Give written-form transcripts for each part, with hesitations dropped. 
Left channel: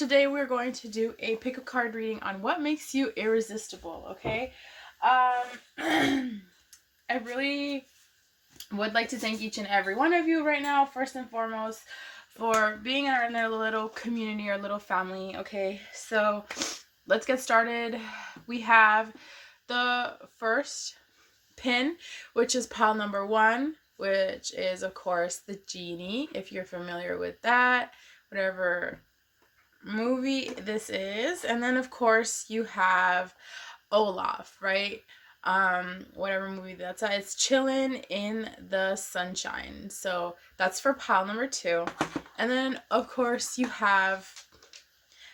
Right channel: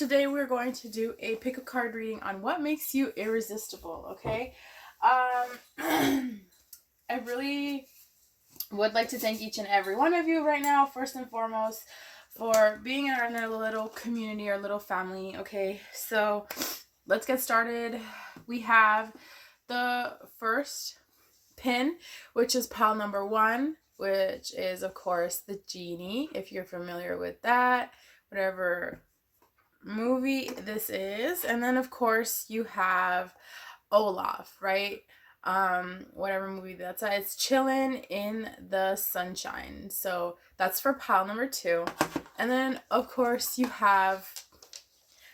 today we're going to do a pick a card reading on what makes you irresistible, okay? I really would like to thank each and every one of you right now, first and foremost, for being in our little community, our little family, okay? So let's get started. We have the first pin, which is pile number 1, which is, of course, the genie, if you're familiar with that, whatever movie this is. And then, of course, you have Olaf, right? Whatever movie that's at, it's chilling in the sunshine. So that's for pile number 2. And then, of course, you have,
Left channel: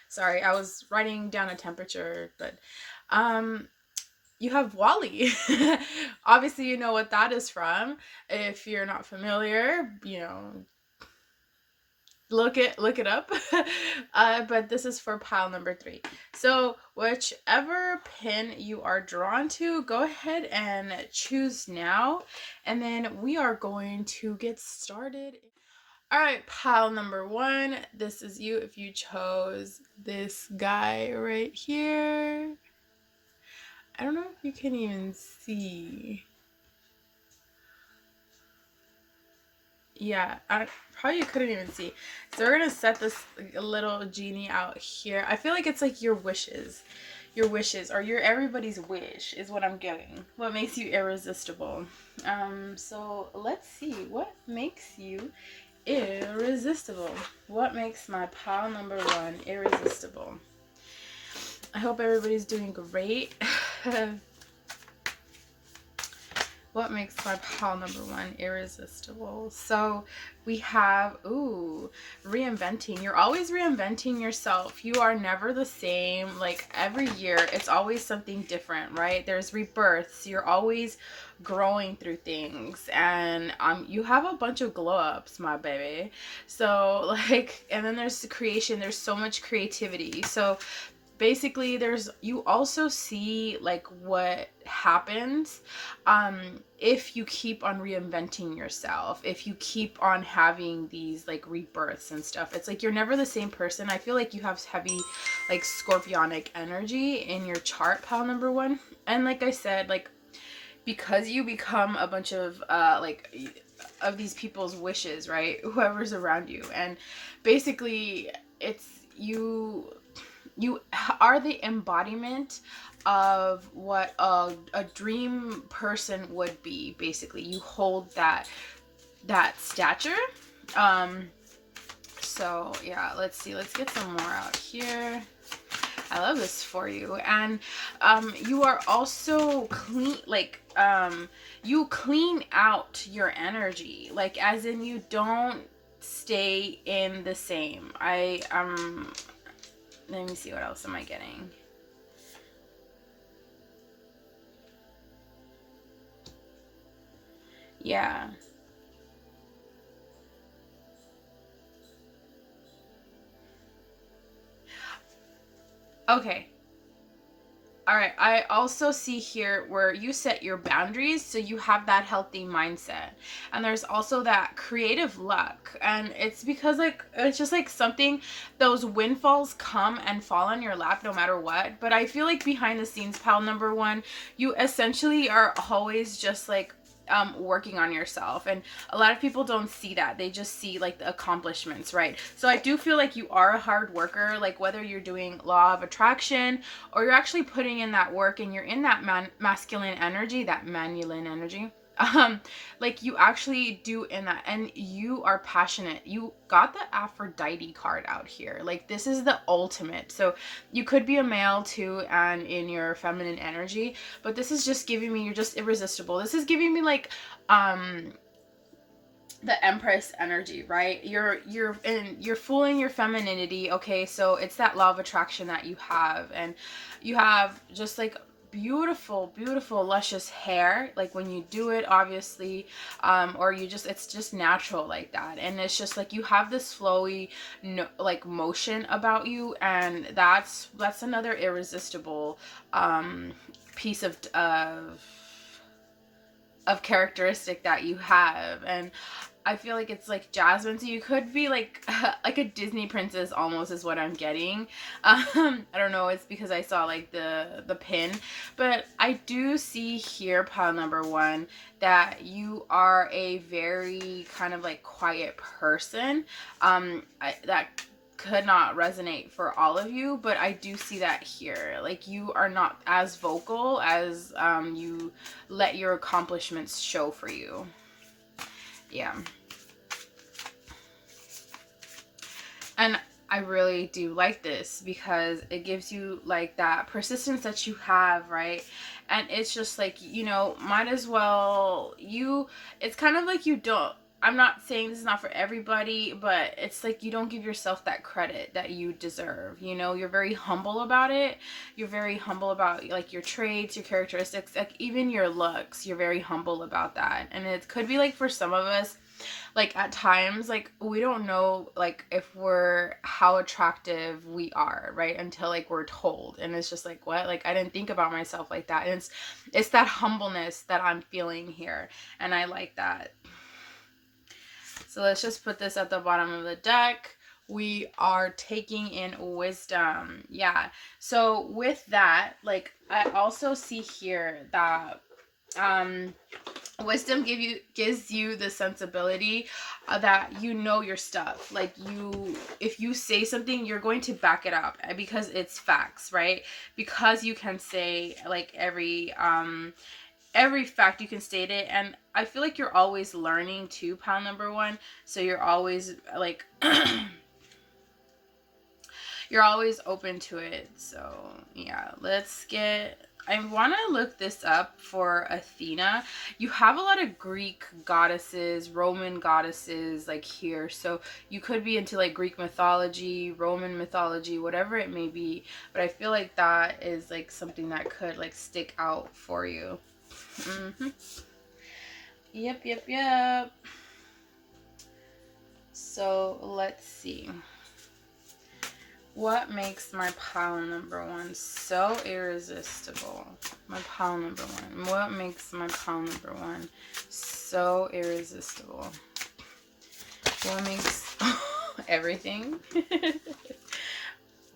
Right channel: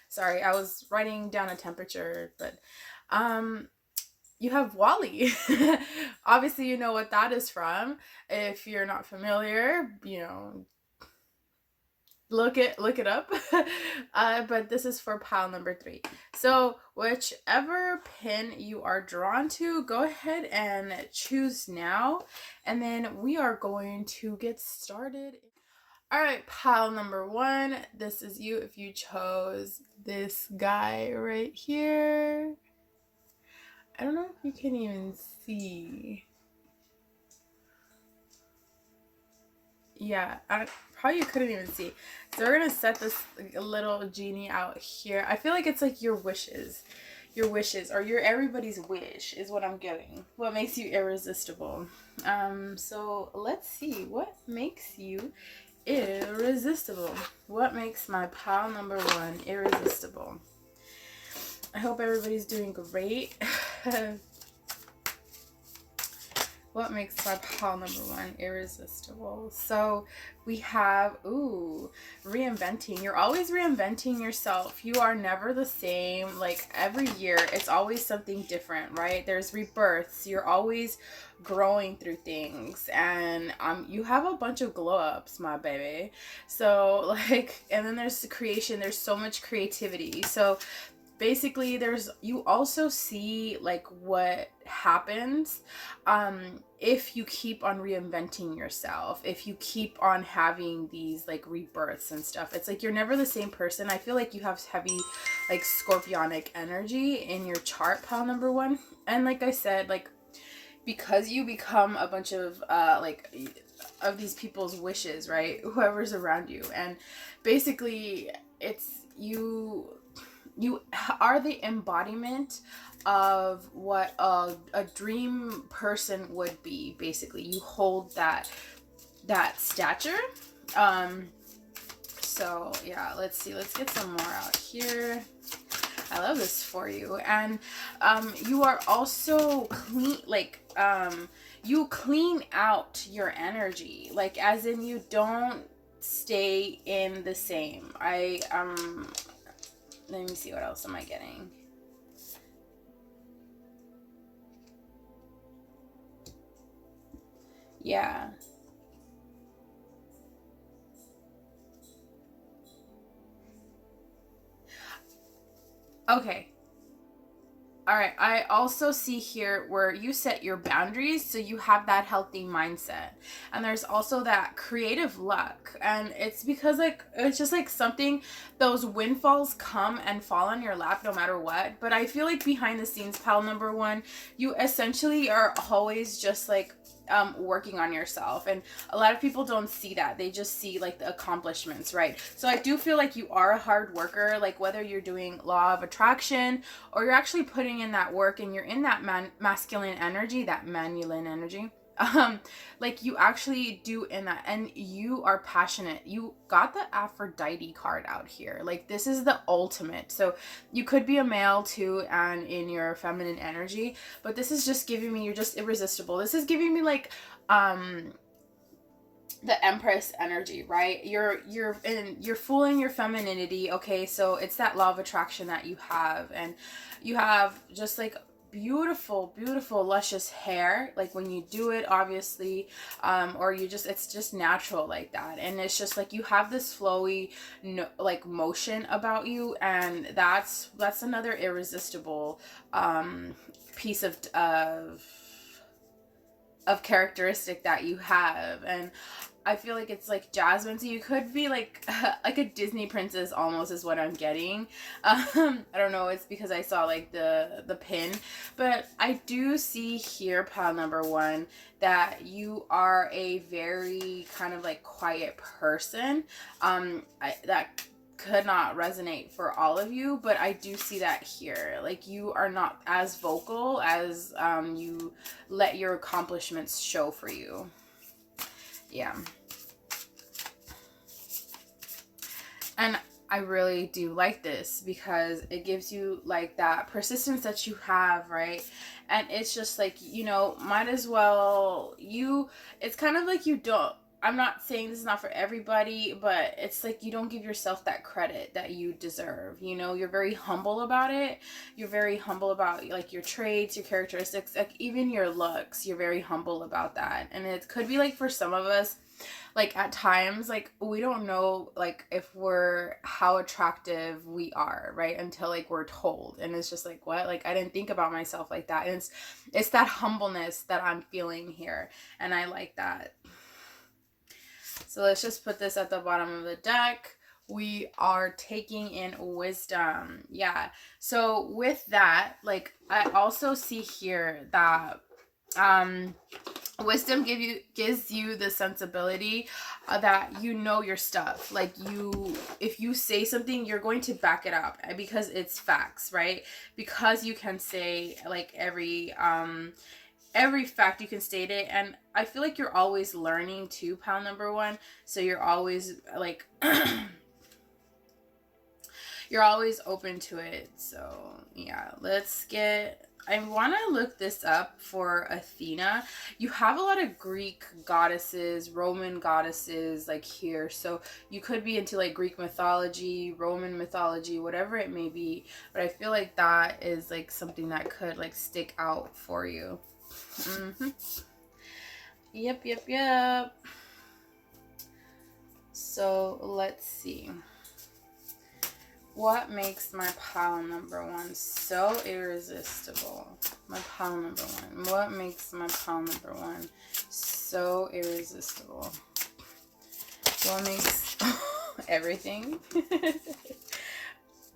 sorry, I was writing down a temperature, but you have Wally. Obviously, you know what that is from. If you're not familiar, you know, look it up. But this is for pile number 3. So whichever pin you are drawn to, go ahead and choose now, and then we are going to get started. All right, pile number 1, this is you if you chose this guy right here. I don't know if you can even see. Yeah, I probably couldn't even see. So we're gonna set this little genie out here. I feel like it's like your wishes, or your everybody's wish is what I'm getting. What makes you irresistible? So let's see what makes you irresistible. What makes my pile number 1 irresistible? I hope everybody's doing great. What makes my pile number 1 irresistible? So we have, reinventing. You're always reinventing yourself. You are never the same. Like every year, it's always something different, right? There's rebirths. You're always growing through things, and you have a bunch of glow ups, my baby. So like, and then there's the creation. There's so much creativity. So basically you also see like what happens if you keep on reinventing yourself, if you keep on having these like rebirths and stuff. It's like you're never the same person. I feel like you have heavy like scorpionic energy in your chart, pile number 1. And like I said, like because you become a bunch of like of these people's wishes, right? Whoever's around you. And basically it's you are the embodiment of what a dream person would be. Basically, you hold that stature. So yeah, let's see, let's get some more out here. I love this for you. And you are also clean, like you clean out your energy, like as in you don't stay in the same. Let me see, what else am I getting? Yeah. Okay. All right. I also see here where you set your boundaries, so you have that healthy mindset. And there's also that creative luck. And it's because like it's just like something, those windfalls come and fall on your lap no matter what. But I feel like behind the scenes, pile number 1, you essentially are always just like working on yourself, and a lot of people don't see that. They just see like the accomplishments, right? So I do feel like you are a hard worker, like whether you're doing law of attraction or you're actually putting in that work and you're in that masculine energy, that manuline energy. Like you actually do in that, and you are passionate. You got the Aphrodite card out here. Like this is the ultimate. So you could be a male too and in your feminine energy, but this is just giving me, you're just irresistible. This is giving me like the Empress energy, right? You're fooling your femininity. Okay, so it's that law of attraction that you have, and you have just like beautiful luscious hair, like when you do it, obviously, or you just, it's just natural like that. And it's just like you have this flowy like motion about you, and that's another irresistible piece of of characteristic that you have. And I feel like it's like Jasmine, so you could be like a Disney princess almost is what I'm getting. I don't know, it's because I saw like the pin, but I do see here, pile number 1, that you are a very kind of like quiet person. That could not resonate for all of you, but I do see that here. Like, you are not as vocal as you let your accomplishments show for you. Yeah. And I really do like this because it gives you like that persistence that you have, right? And it's just like, you know, might as well, it's kind of like you don't, I'm not saying this is not for everybody, but it's like you don't give yourself that credit that you deserve. You know, you're very humble about it. You're very humble about like your traits, your characteristics, like even your looks. You're very humble about that. And it could be like for some of us, like at times, like we don't know like if how attractive we are, right? Until like we're told. And it's just like, what? Like I didn't think about myself like that. And it's that humbleness that I'm feeling here. And I like that. So let's just put this at the bottom of the deck. We are taking in wisdom. Yeah. So with that, like I also see here that wisdom gives you the sensibility that you know your stuff. Like if you say something, you're going to back it up because it's facts, right? Because you can say like every fact, you can state it. And I feel like you're always learning too, pile number 1. So you're always like you're always open to it. So yeah, I want to look this up for Athena. You have a lot of Greek goddesses, Roman goddesses like here. So you could be into like Greek mythology, Roman mythology, whatever it may be. But I feel like that is like something that could like stick out for you. Yep. So let's see. What makes my pile number 1 so irresistible? My pile number 1. What makes my pile number 1 so irresistible? What makes everything?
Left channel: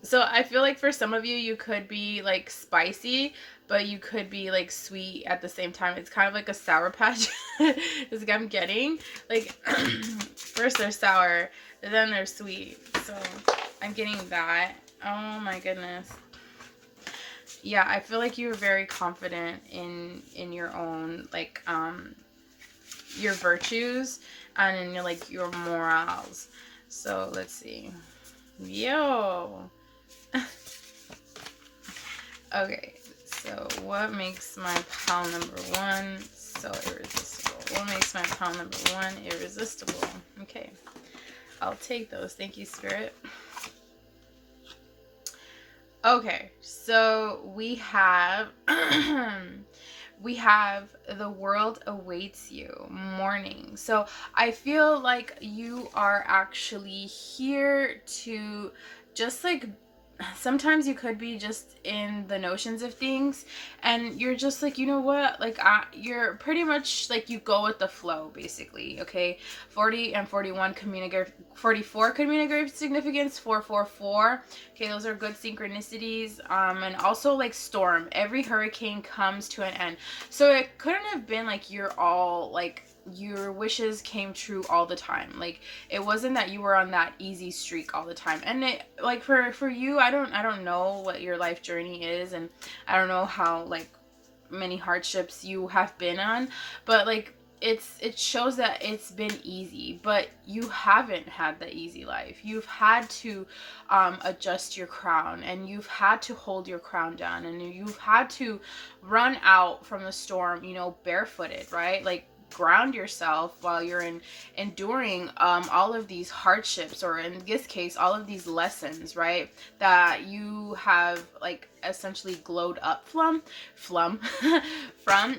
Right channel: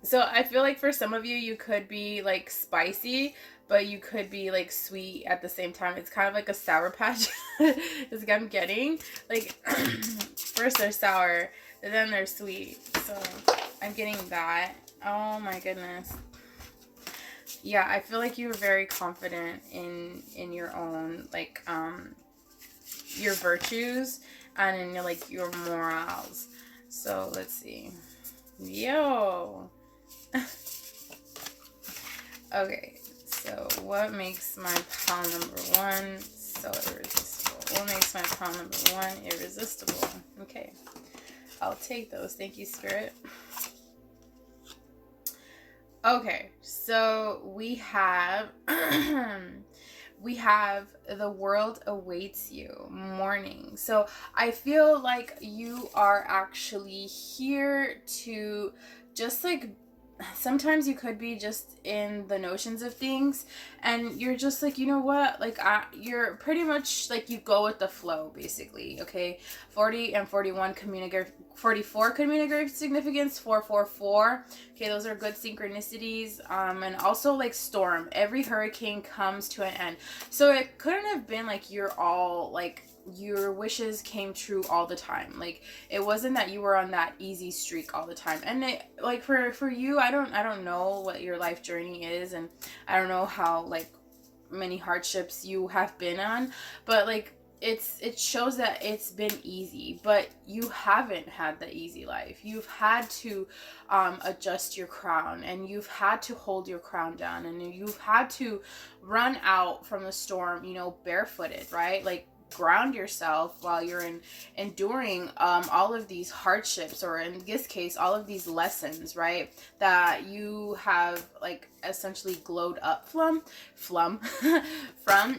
So I feel like for some of you, you could be like spicy, but you could be like sweet at the same time. It's kind of like a Sour Patch is what I'm getting. Like first they're sour, and then they're sweet. So I'm getting that. Oh my goodness. Yeah, I feel like you're very confident in your own like your virtues and in your like your morals. So let's see. Yo. Okay, so what makes my pile number 1 so irresistible? What makes my pile number 1 irresistible? Okay, I'll take those. Thank you, Spirit. Okay, so we have the world awaits you, mourning. So I feel like you are actually here to just like, sometimes you could be just in the notions of things and you're just like, you know what, like you're pretty much like you go with the flow basically. Okay, 40 and 41 communicate, 44 communicate significance, 444. Okay, those are good synchronicities. And also like storm, every hurricane comes to an end. So it couldn't have been like you're all like your wishes came true all the time. Like it wasn't that you were on that easy streak all the time. And it like for you, I don't know what your life journey is, and I don't know how like many hardships you have been on, but like it shows that it's been easy, but you haven't had the easy life. You've had to adjust your crown, and you've had to hold your crown down, and you've had to run out from the storm, you know, barefooted, right? Like ground yourself while you're enduring all of these hardships, or in this case all of these lessons, right, that you have like essentially glowed up from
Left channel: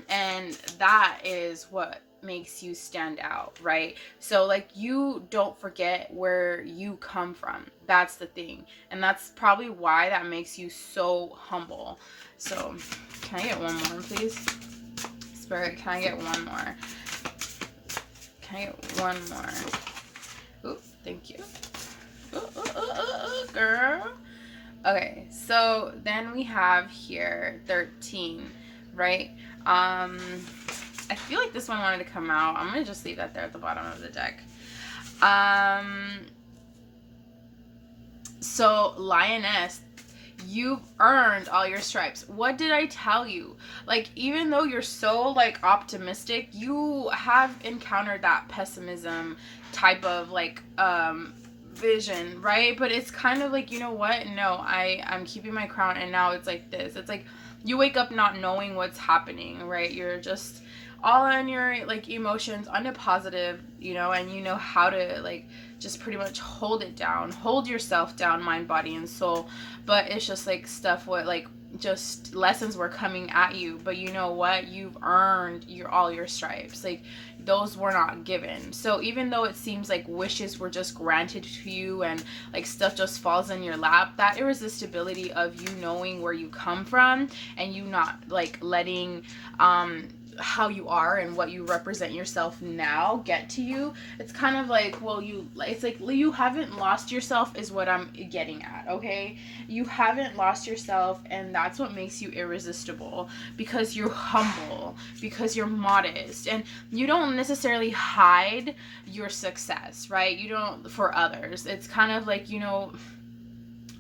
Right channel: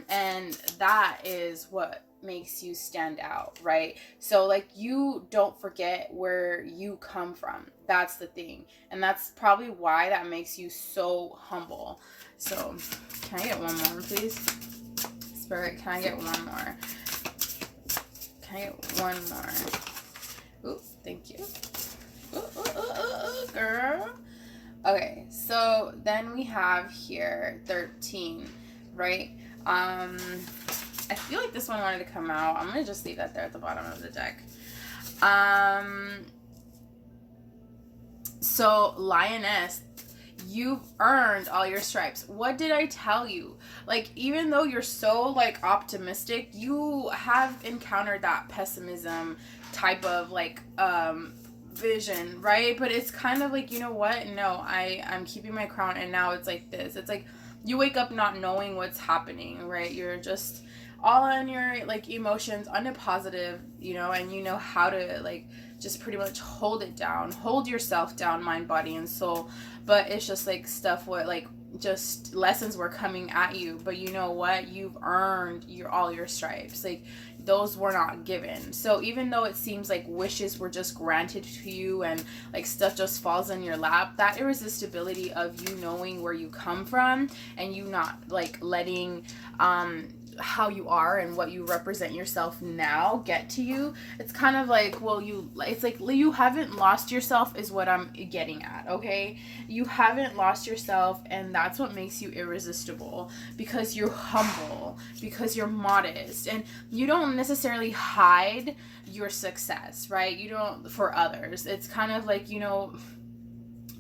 and that is what makes you stand out, right? So like you don't forget where you come from. That's the thing, and that's probably why that makes you so humble. So can I get one more, please? Spirit, can I get one more? Can I get one more? Ooh, thank you. Ooh, girl. Okay, so then we have here 13, right? I feel like this one wanted to come out. I'm gonna just leave that there at the bottom of the deck. So Lioness, you've earned all your stripes. What did I tell you? Like, even though you're so like optimistic, you have encountered that pessimism type of like vision, right? But it's kind of like, you know what? No, I'm keeping my crown, and now it's like this. It's like you wake up not knowing what's happening, right? You're just all on your like emotions, on a positive, you know, and you know how to like just pretty much hold it down, hold yourself down, mind, body, and soul. But it's just like stuff what like just lessons were coming at you, but you know what, you've earned all your stripes. Like, those were not given. So even though it seems like wishes were just granted to you and like stuff just falls in your lap, that irresistibility of you knowing where you come from and you not like letting how you are and what you represent yourself now get to you, it's kind of like, well, it's like you haven't lost yourself is what I'm getting at. Okay, you haven't lost yourself, and that's what makes you irresistible, because you're humble, because you're modest, and you don't necessarily hide your success, right? You don't for others. It's kind of like, you know,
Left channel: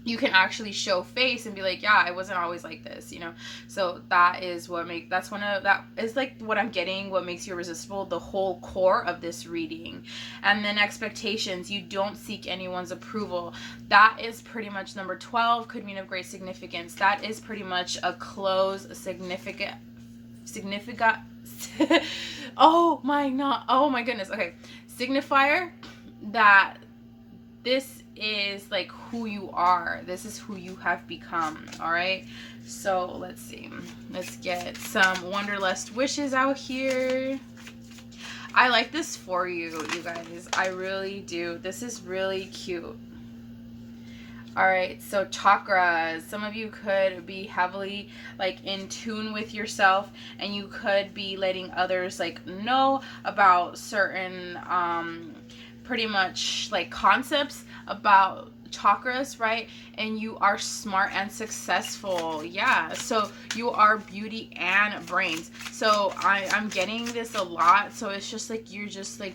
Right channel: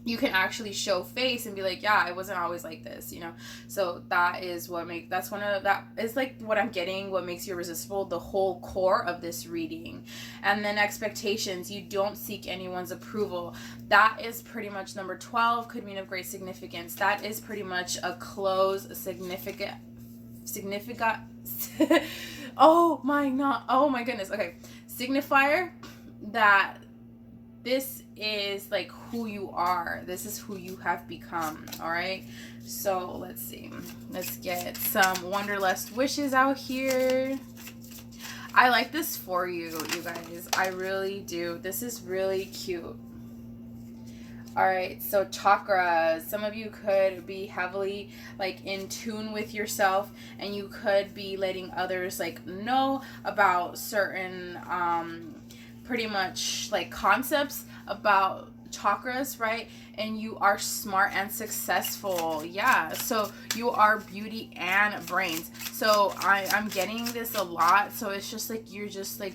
you can actually show face and be like, yeah, I wasn't always like this, you know. So that is what that is like what I'm getting, what makes you irresistible, the whole core of this reading. And then expectations, you don't seek anyone's approval. That is pretty much number 12, could mean of great significance. That is pretty much a close, significant oh my goodness. Okay, signifier that this is like who you are. This is who you have become. All right, so let's see, let's get some Wanderlust wishes out here. I like this for you guys, I really do. This is really cute. All right, so chakras. Some of you could be heavily like in tune with yourself, and you could be letting others like know about certain pretty much like concepts about chakras, right? And you are smart and successful. Yeah, so you are beauty and brains. So I'm getting this a lot. So it's just like you're just like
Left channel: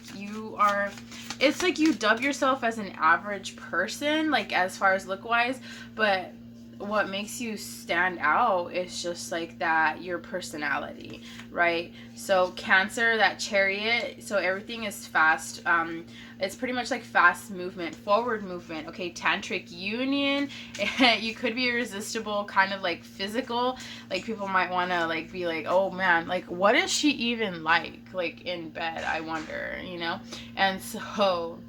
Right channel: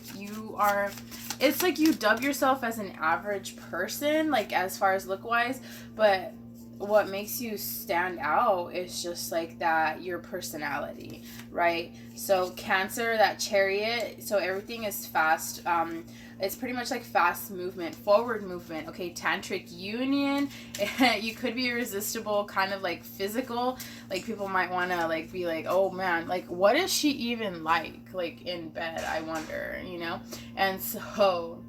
it's like you dub yourself as an average person, like as far as look wise, but what makes you stand out is just like that, your personality, right? So Cancer, that Chariot, so everything is fast. It's pretty much like fast movement, forward movement. Okay, Tantric Union, you could be irresistible, kind of like physical. Like people might want to like be like, oh man, like what is she even like in bed, I wonder, you know? And so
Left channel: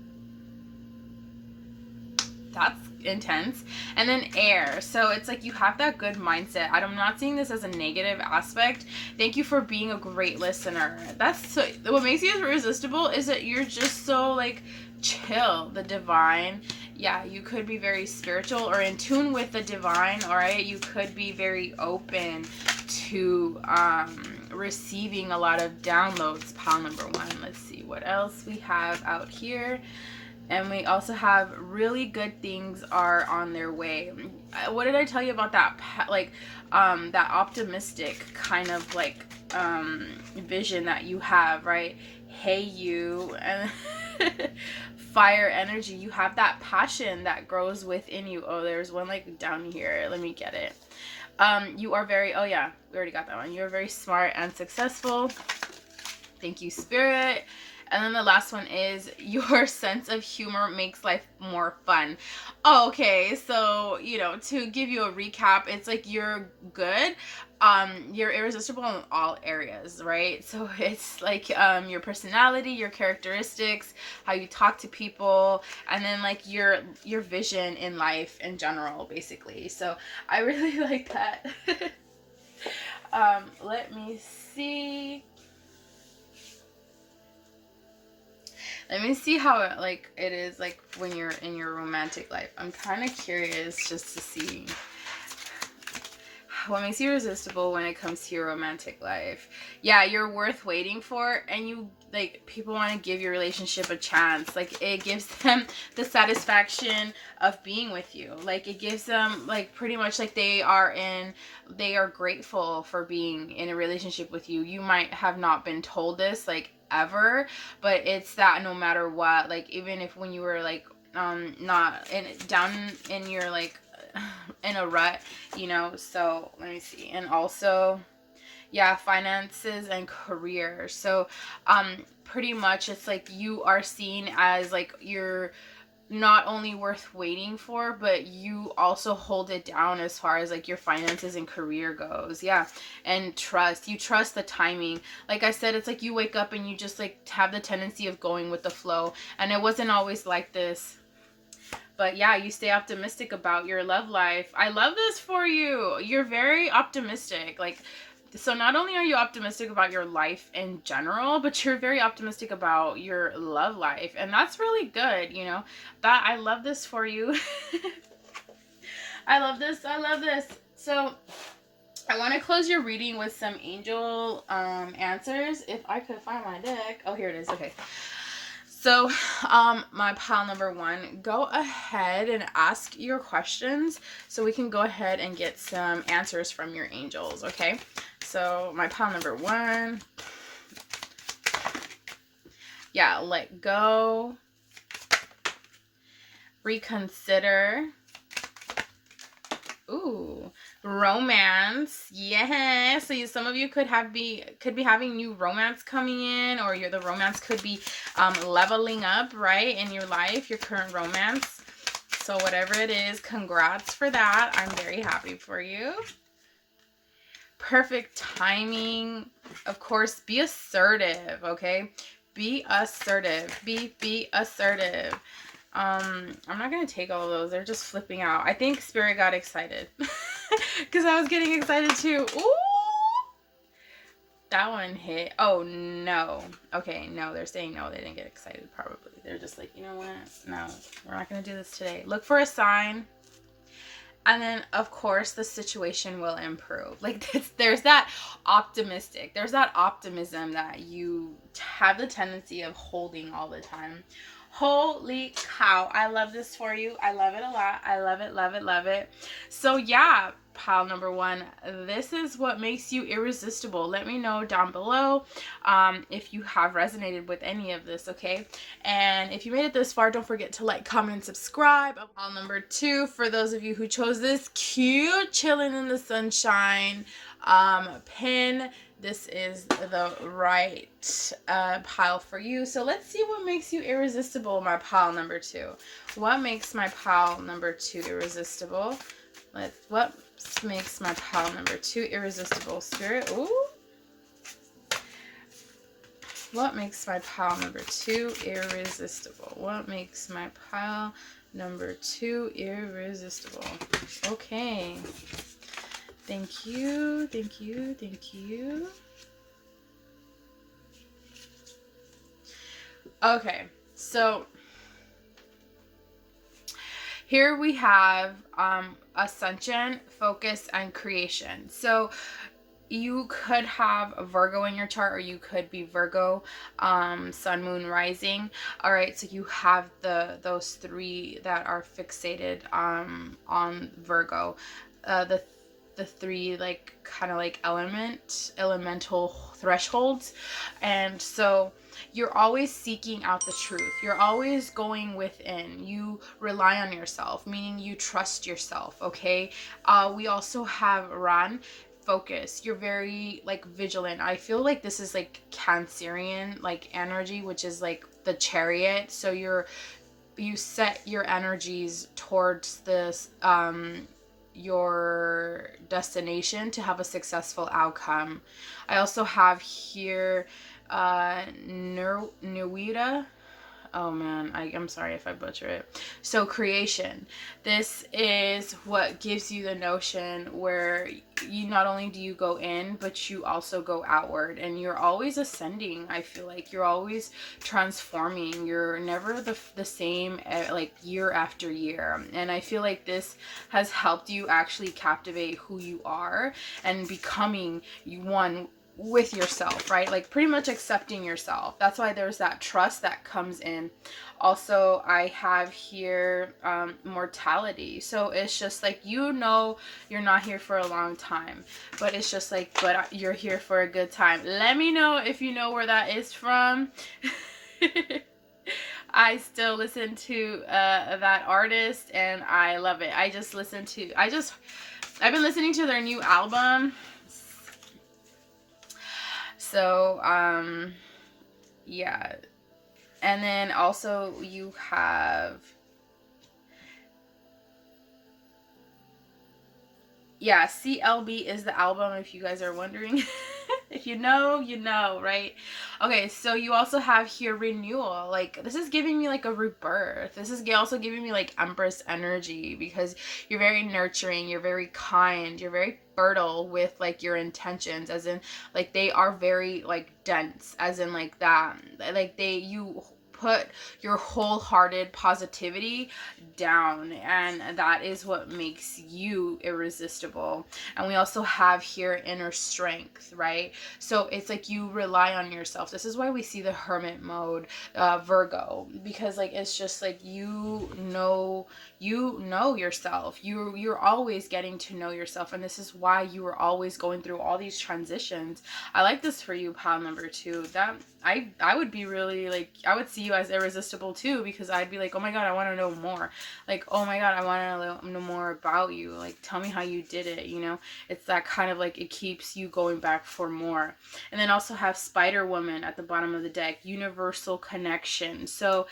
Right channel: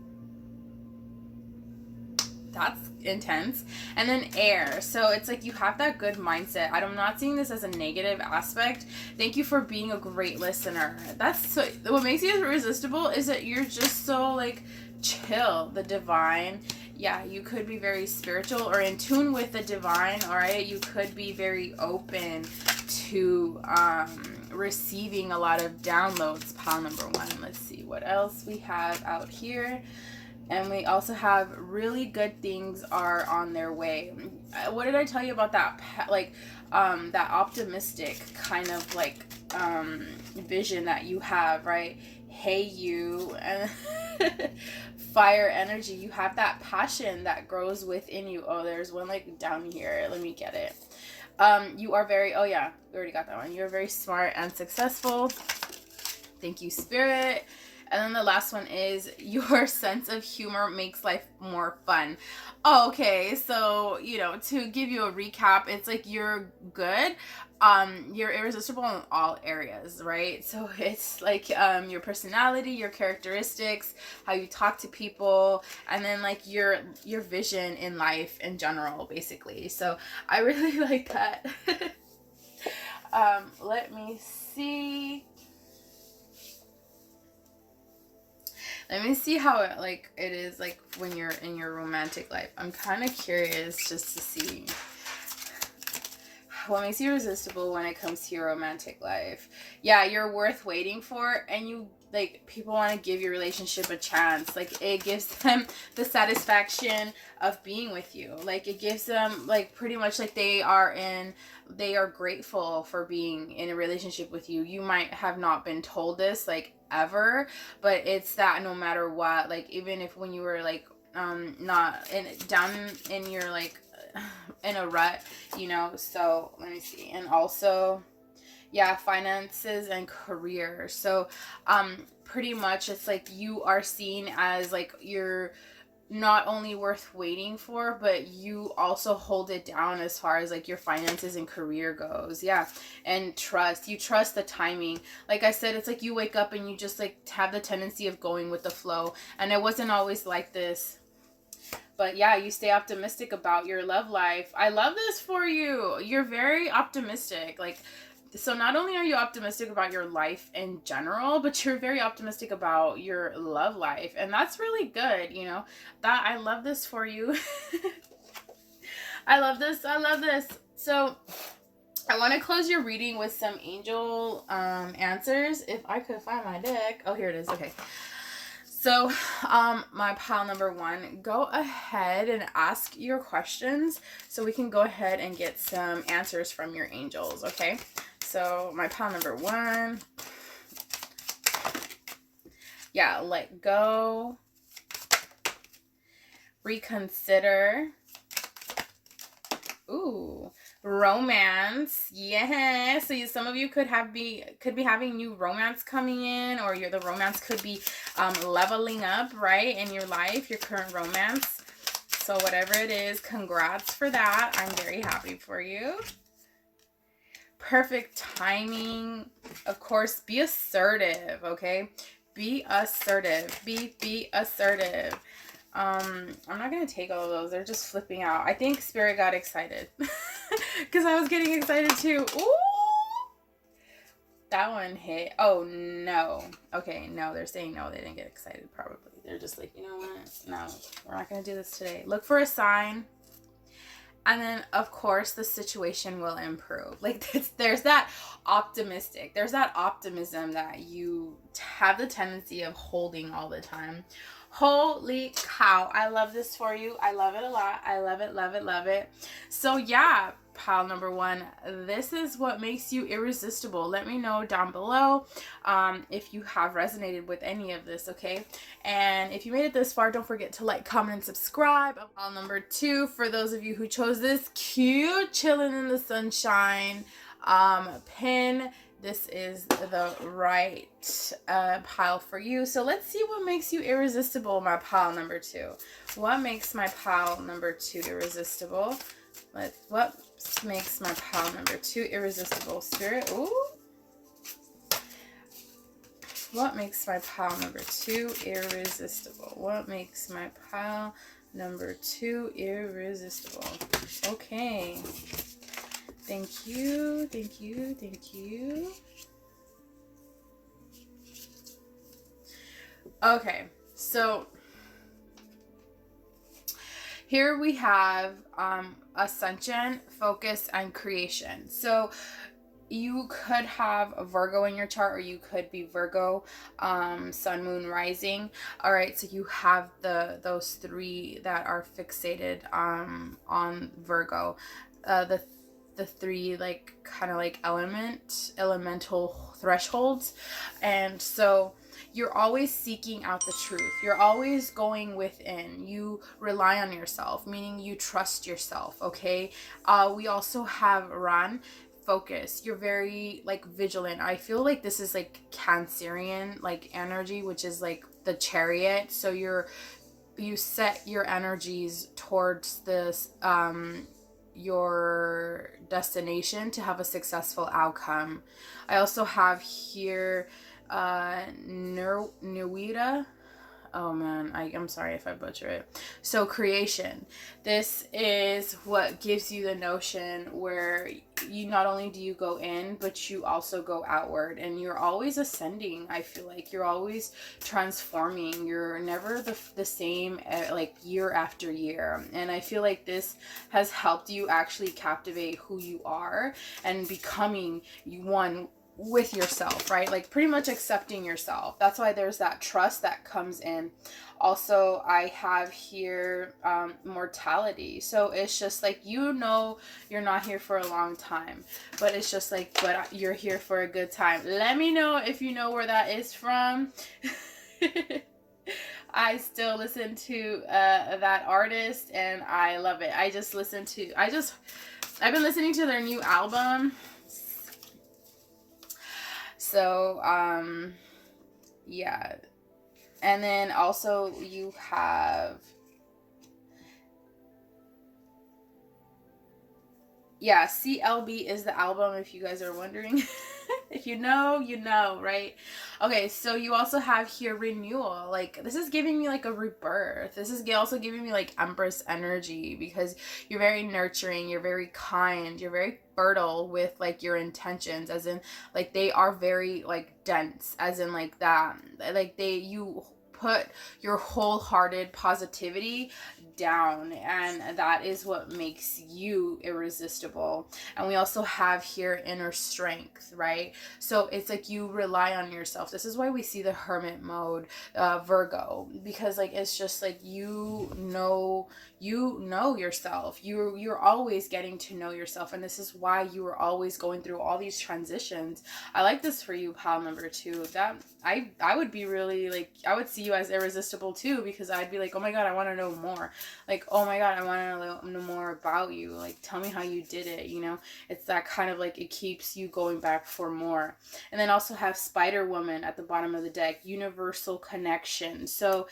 that's intense. And then air, so it's like you have that good mindset. I'm not seeing this as a negative aspect. Thank you for being a great listener. That's so, what makes you irresistible is that you're just so like chill. The divine, yeah, you could be very spiritual or in tune with the divine. All right, you could be very open to receiving a lot of downloads. Pile number 1. Let's see what else we have out here. And we also have really good things are on their way. What did I tell you about that? Like, that optimistic kind of like vision that you have, right? Hey, you, and fire energy. You have that passion that grows within you. Oh, there's one like down here. Let me get it. You are very, oh yeah, we already got that one. You're very smart and successful. Thank you, Spirit. And then the last one is your sense of humor makes life more fun. Oh, okay, so, you know, to give you a recap, it's like you're good. You're irresistible in all areas, right? So it's like your personality, your characteristics, how you talk to people, and then like your vision in life in general, basically. So I really like that. Let me see. Let me see how it is like when you're in your romantic life. I'm kind of curious just to see what makes you irresistible when it comes to your romantic life? Yeah, you're worth waiting for, and you, like, people want to give your relationship a chance. Like, it gives them the satisfaction of being with you. Like, it gives them, like, pretty much like they are grateful for being in a relationship with you. You might have not been told this, like, ever, but it's that no matter what, like, even if when you were, like, not down in your, like, in a rut, you know. So let me see. And also, yeah, finances and career. So pretty much it's like you are seen as, like, you're not only worth waiting for, but you also hold it down as far as, like, your finances and career goes. Yeah. And you trust the timing. Like I said, it's like you wake up and you just, like, have the tendency of going with the flow, and it wasn't always like this. But yeah, you stay optimistic about your love life. I love this for you. You're very optimistic. Like, so not only are you optimistic about your life in general, but you're very optimistic about your love life. And that's really good, you know. That, I love this for you. I love this. I love this. So I want to close your reading with some angel answers. If I could find my deck. Oh, here it is. Okay. So, my pile number 1, go ahead and ask your questions so we can go ahead and get some answers from your angels, okay? So, my pile number 1, yeah, let go, reconsider, ooh, romance, yeah. So some of you could be having new romance coming in, or the romance could be leveling up, right, in your life, your current romance. So whatever it is, congrats for that. I'm very happy for you. Perfect timing. Of course, be assertive, okay? Be assertive. Be assertive. I'm not going to take all of those. They're just flipping out. I think Spirit got excited. Because I was getting excited too. Ooh! That one hit. Oh, no. Okay, no. They're saying no. They didn't get excited, probably. They're just like, you know what? No, we're not going to do this today. Look for a sign. And then, of course, the situation will improve. Like, there's that optimistic. There's that optimism that you have the tendency of holding all the time. Holy cow. I love this for you. I love it a lot. I love it, love it, love it. So, yeah, pile number 1, this is what makes you irresistible. Let me know down below if you have resonated with any of this, okay? And if you made it this far, don't forget to like, comment, and subscribe. Pile number 2, for those of you who chose this cute chilling in the sunshine pin, this is the right pile for you. So let's see what makes you irresistible, my pile number 2. What makes my pile number 2 irresistible? What makes my pile number 2 irresistible, Spirit? Ooh. What makes my pile number 2 irresistible? What makes my pile number 2 irresistible? Okay. Thank you, thank you, thank you. Okay, so here we have ascension, focus, and creation. So you could have a Virgo in your chart, or you could be Virgo, sun, moon, rising. All right, so you have those 3 that are fixated on Virgo. The 3, like, kind of like elemental thresholds. And so you're always seeking out the truth. You're always going within. You rely on yourself, meaning you trust yourself, okay? We also have Ran, focus. You're very, like, vigilant. I feel like this is, like, Cancerian, like, energy, which is, like, the Chariot. So you set your energies towards this, your destination to have a successful outcome. I also have here Nuida, Oh man, I'm sorry if I butcher it. So creation. This is what gives you the notion where you not only do you go in, but you also go outward, and you're always ascending. I feel like you're always transforming. You're never the same like year after year. And I feel like this has helped you actually captivate who you are and becoming one with yourself, right? Like pretty much accepting yourself. That's why there's that trust that comes in. Also, I have here mortality. So it's just like, you know, you're not here for a long time, but it's just like, but you're here for a good time. Let me know if you know where that is from. I still listen to that artist, and I love it. I've been listening to their new album. So, yeah. And then also you have, yeah, CLB is the album, if you guys are wondering. If you know, you know, right? Okay, so you also have here renewal. Like, this is giving me like a rebirth. This is also giving me like Empress energy, because you're very nurturing, you're very kind, you're very fertile with like your intentions, as in like they are very like dense, as in like that. Like you put your wholehearted positivity down, and that is what makes you irresistible. And we also have here inner strength, right? So it's like you rely on yourself. This is why we see the hermit mode, Virgo, because like it's just like you know yourself. You're always getting to know yourself, and this is why you are always going through all these transitions. I like this for you, pile number 2. That I would be really like, I would see you as irresistible too, because I'd be like, oh my god, I want to know more. Like, oh my god, I want to know more about you. Like, tell me how you did it, you know? It's that kind of like, it keeps you going back for more. And then also have Spider Woman at the bottom of the deck, universal connection. So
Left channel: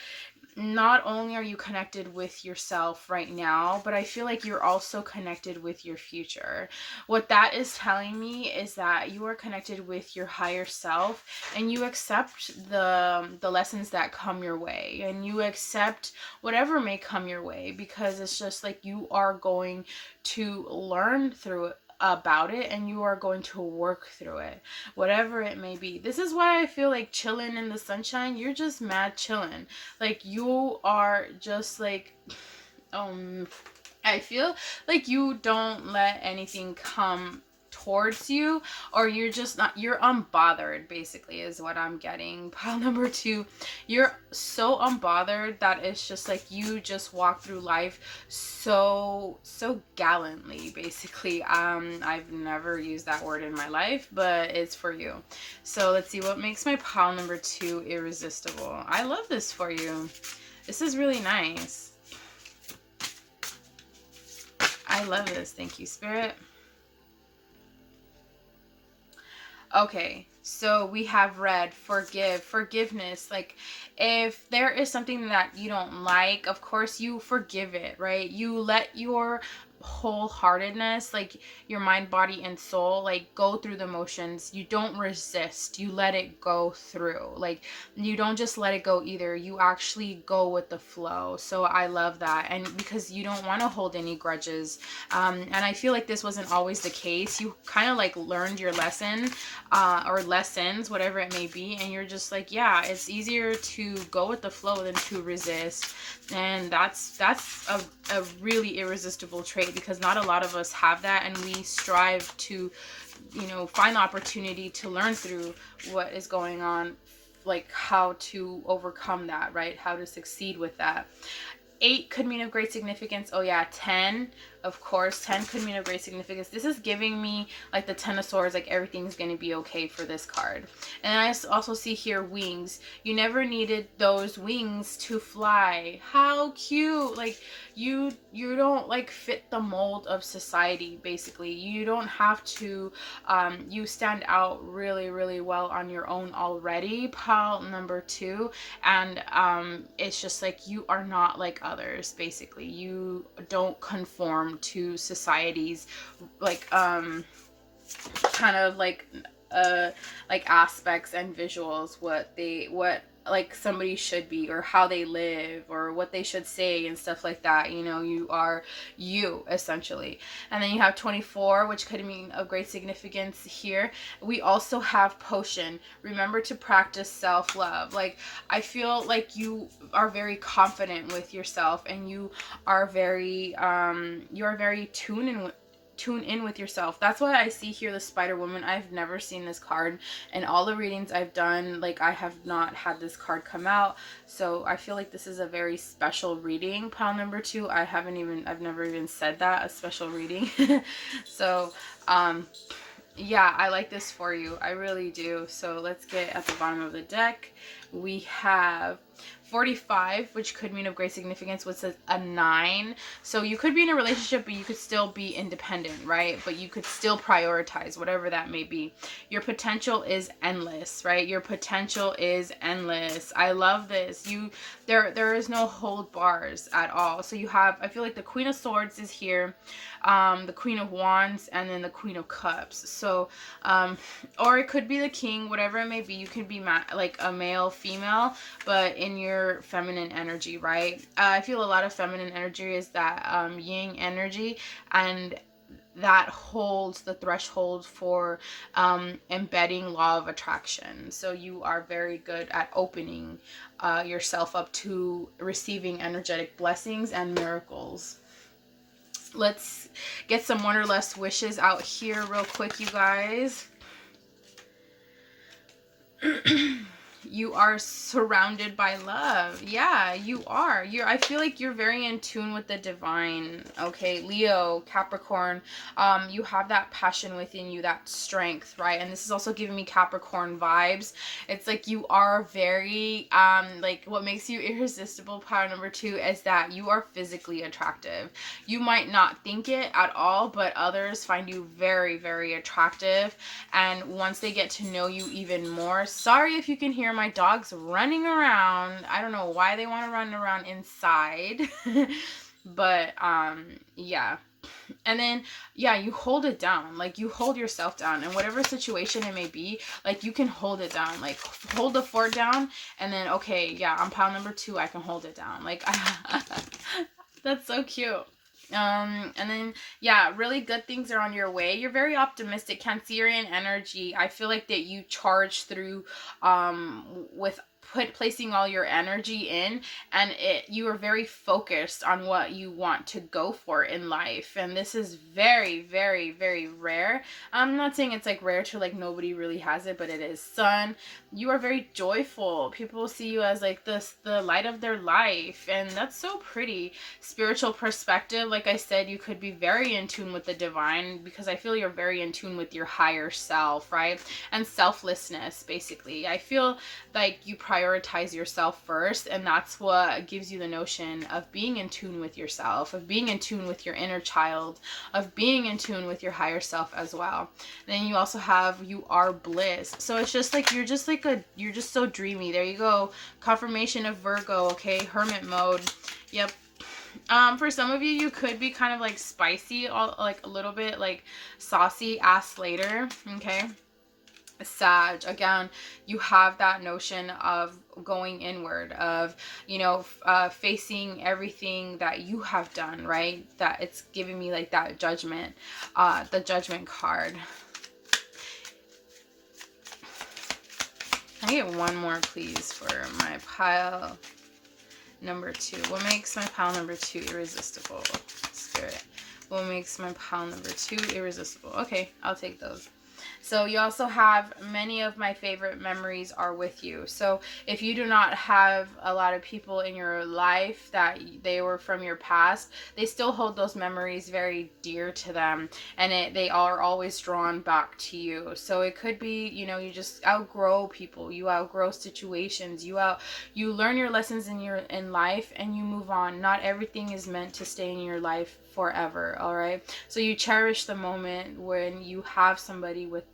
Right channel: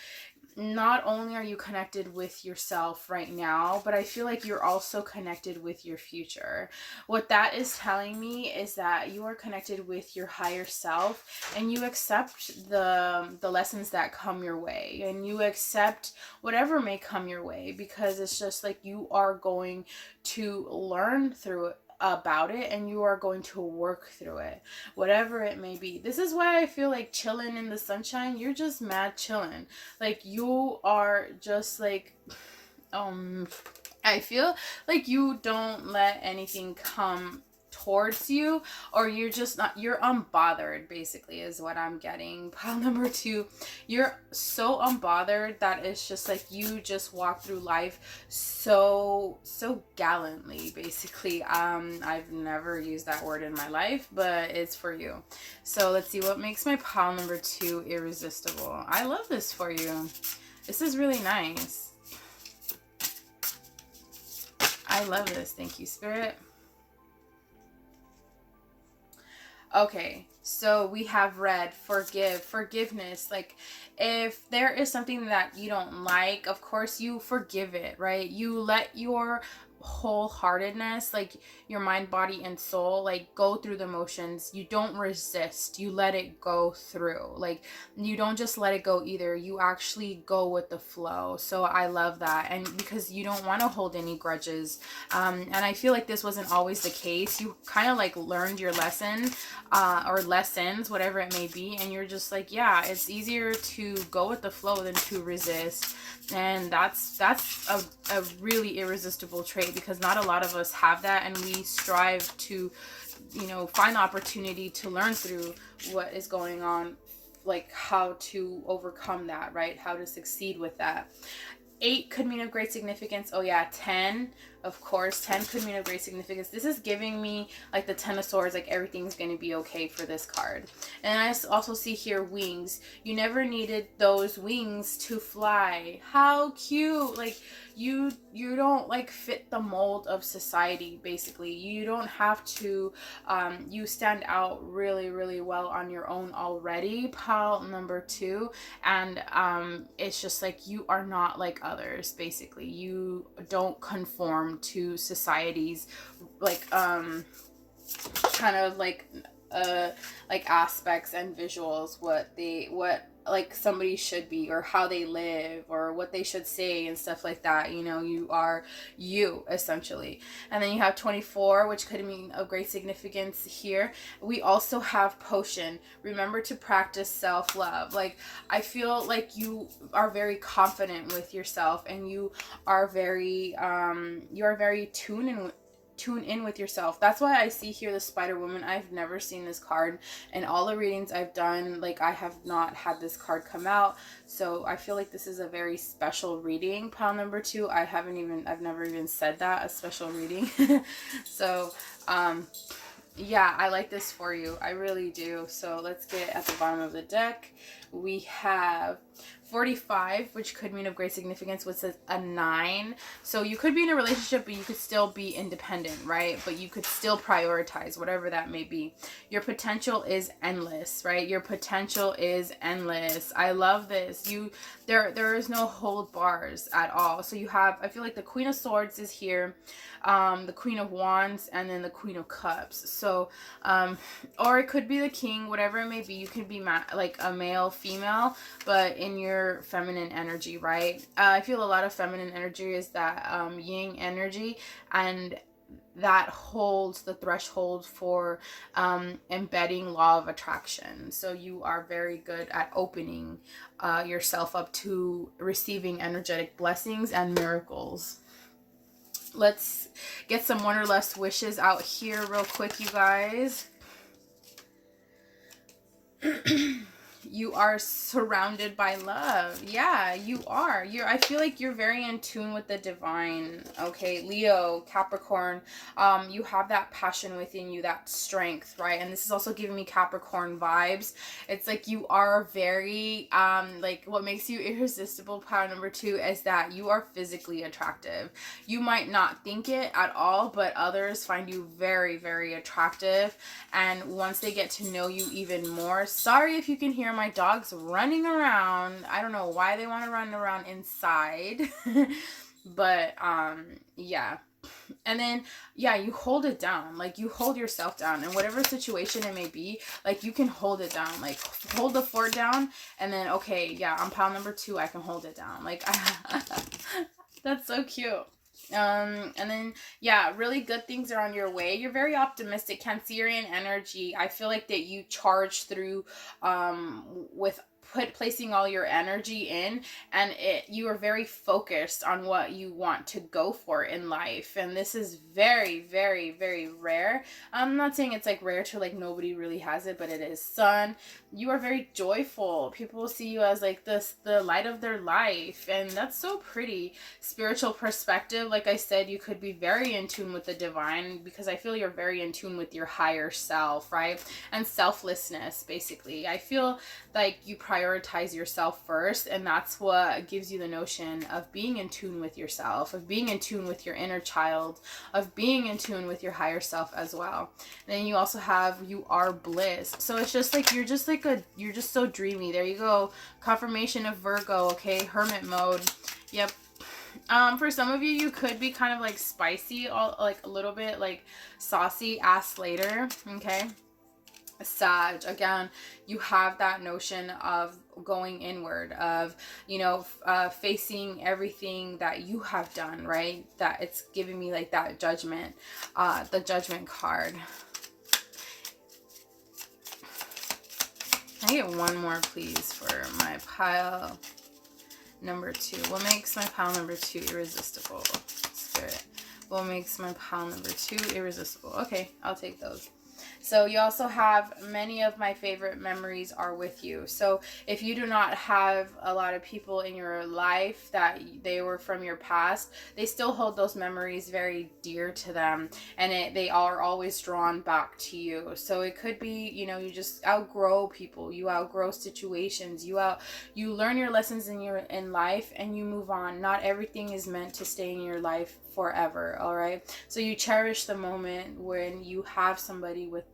not only are you connected with yourself right now, but I feel like you're also connected with your future. What that is telling me is that you are connected with your higher self, and you accept the lessons that come your way, and you accept whatever may come your way, because it's just like you are going to learn through it, about it, and you are going to work through it, whatever it may be. This is why I feel like chilling in the sunshine, you're just mad chilling. Like, you are just like, I feel like you don't let anything come towards you, or you're just not, you're unbothered, basically, is what I'm getting. Pile number 2, you're so unbothered that it's just like you just walk through life so gallantly, basically. I've never used that word in my life, but it's for you. So let's see what makes my pile number 2 irresistible. I love this for you. This is really nice. I love this. Thank you, Spirit. Okay, so we have red, forgiveness. Like, if there is something that you don't like, of course you forgive it, right? You let your wholeheartedness, like your mind, body, and soul, like go through the motions. You don't resist, you let it go through. Like, you don't just let it go either, you actually go with the flow. So I love that. And because you don't want to hold any grudges, and I feel like this wasn't always the case. You kind of like learned your lesson, or lessons, whatever it may be, and you're just like, yeah, it's easier to go with the flow than to resist. And that's a really irresistible trait, because not a lot of us have that, and we strive to, you know, find the opportunity to learn through what is going on, like how to overcome that, right? How to succeed with that. 8 could mean of great significance. Oh yeah, 10, of course, 10 could mean of great significance. This is giving me like the 10 of swords, like everything's going to be okay for this card. And I also see here wings. You never needed those wings to fly. How cute. Like, you don't like fit the mold of society, basically. You don't have to, you stand out really, really well on your own already, pile number 2. And it's just like, you are not like others, basically. You don't conform to society's like kind of like aspects and visuals, what like somebody should be, or how they live, or what they should say and stuff like that. You know, you are you, essentially. And then you have 24, which could mean of great significance here. We also have potion. Remember to practice self-love. Like, I feel like you are very confident with yourself, and you are very tune in with yourself. That's why I see here the Spider Woman. I've never seen this card in all the readings I've done. Like, I have not had this card come out, so I feel like this is a very special reading. Pile number 2, I've never even said that, a special reading. So yeah, I like this for you, I really do. So let's get at the bottom of the deck. We have 45, which could mean of great significance, which says a 9. So you could be in a relationship, but you could still be independent, right? But you could still prioritize, whatever that may be. Your potential is endless, right? Your potential is endless. I love this. There is no hold bars at all. So you have, I feel like the Queen of Swords is here, the Queen of Wands, and then the Queen of Cups. So or it could be the King, whatever it may be. You could be like a male, female, but in your feminine energy, right? I feel a lot of feminine energy is that yin energy, and that holds the threshold for embedding law of attraction. So you are very good at opening yourself up to receiving energetic blessings and miracles. Let's get some Wanderlust wishes out here real quick, you guys. You are surrounded by love. Yeah, you are. I feel like you're very in tune with the divine. Okay, Leo, Capricorn, you have that passion within you, that strength, right? And this is also giving me Capricorn vibes. It's like you are very, like, what makes you irresistible, power number 2, is that you are physically attractive. You might not think it at all, but others find you very, very attractive. And once they get to know you even more, sorry if you can hear my dogs running around. I don't know why they want to run around inside. But yeah. And then yeah, you hold it down. Like, you hold yourself down, and whatever situation it may be, like, you can hold it down. Like, hold the fort down, and then okay, yeah, on pile number 2 I can hold it down. Like, that's so cute. And then yeah, really good things are on your way. You're very optimistic, Cancerian energy. I feel like that you charge through with placing all your energy in, and you are very focused on what you want to go for in life. And this is very, very, very rare. I'm not saying it's like rare to like nobody really has it, but it is. Sun, you are very joyful. People see you as like the light of their life, and that's so pretty. Spiritual perspective, like I said, you could be very in tune with the divine, because I feel you're very in tune with your higher self, right? And selflessness, basically. I feel like you prioritize yourself first, and that's what gives you the notion of being in tune with yourself, of being in tune with your inner child, of being in tune with your higher self as well. And then you also have, you are bliss. So it's just like, you're just so dreamy. There you go. Confirmation of Virgo. Okay, hermit mode. Yep. For some of you, you could be kind of like spicy, like a little bit like saucy, ask later. Okay. Sag, again, you have that notion of going inward, of, you know, facing everything that you have done, right? That it's giving me like that judgment, the judgment card. Can I get one more, please, for my pile number 2? What makes my pile number 2 irresistible? Spirit. What makes my pile number 2 irresistible? Okay, I'll take those. So you also have, many of my favorite memories are with you. So if you do not have a lot of people in your life that they were from your past, they still hold those memories very dear to them, and they are always drawn back to you. So it could be, you know, you just outgrow people, you outgrow situations, you learn your lessons in life, and you move on. Not everything is meant to stay in your life forever. All right, so you cherish the moment when you have somebody with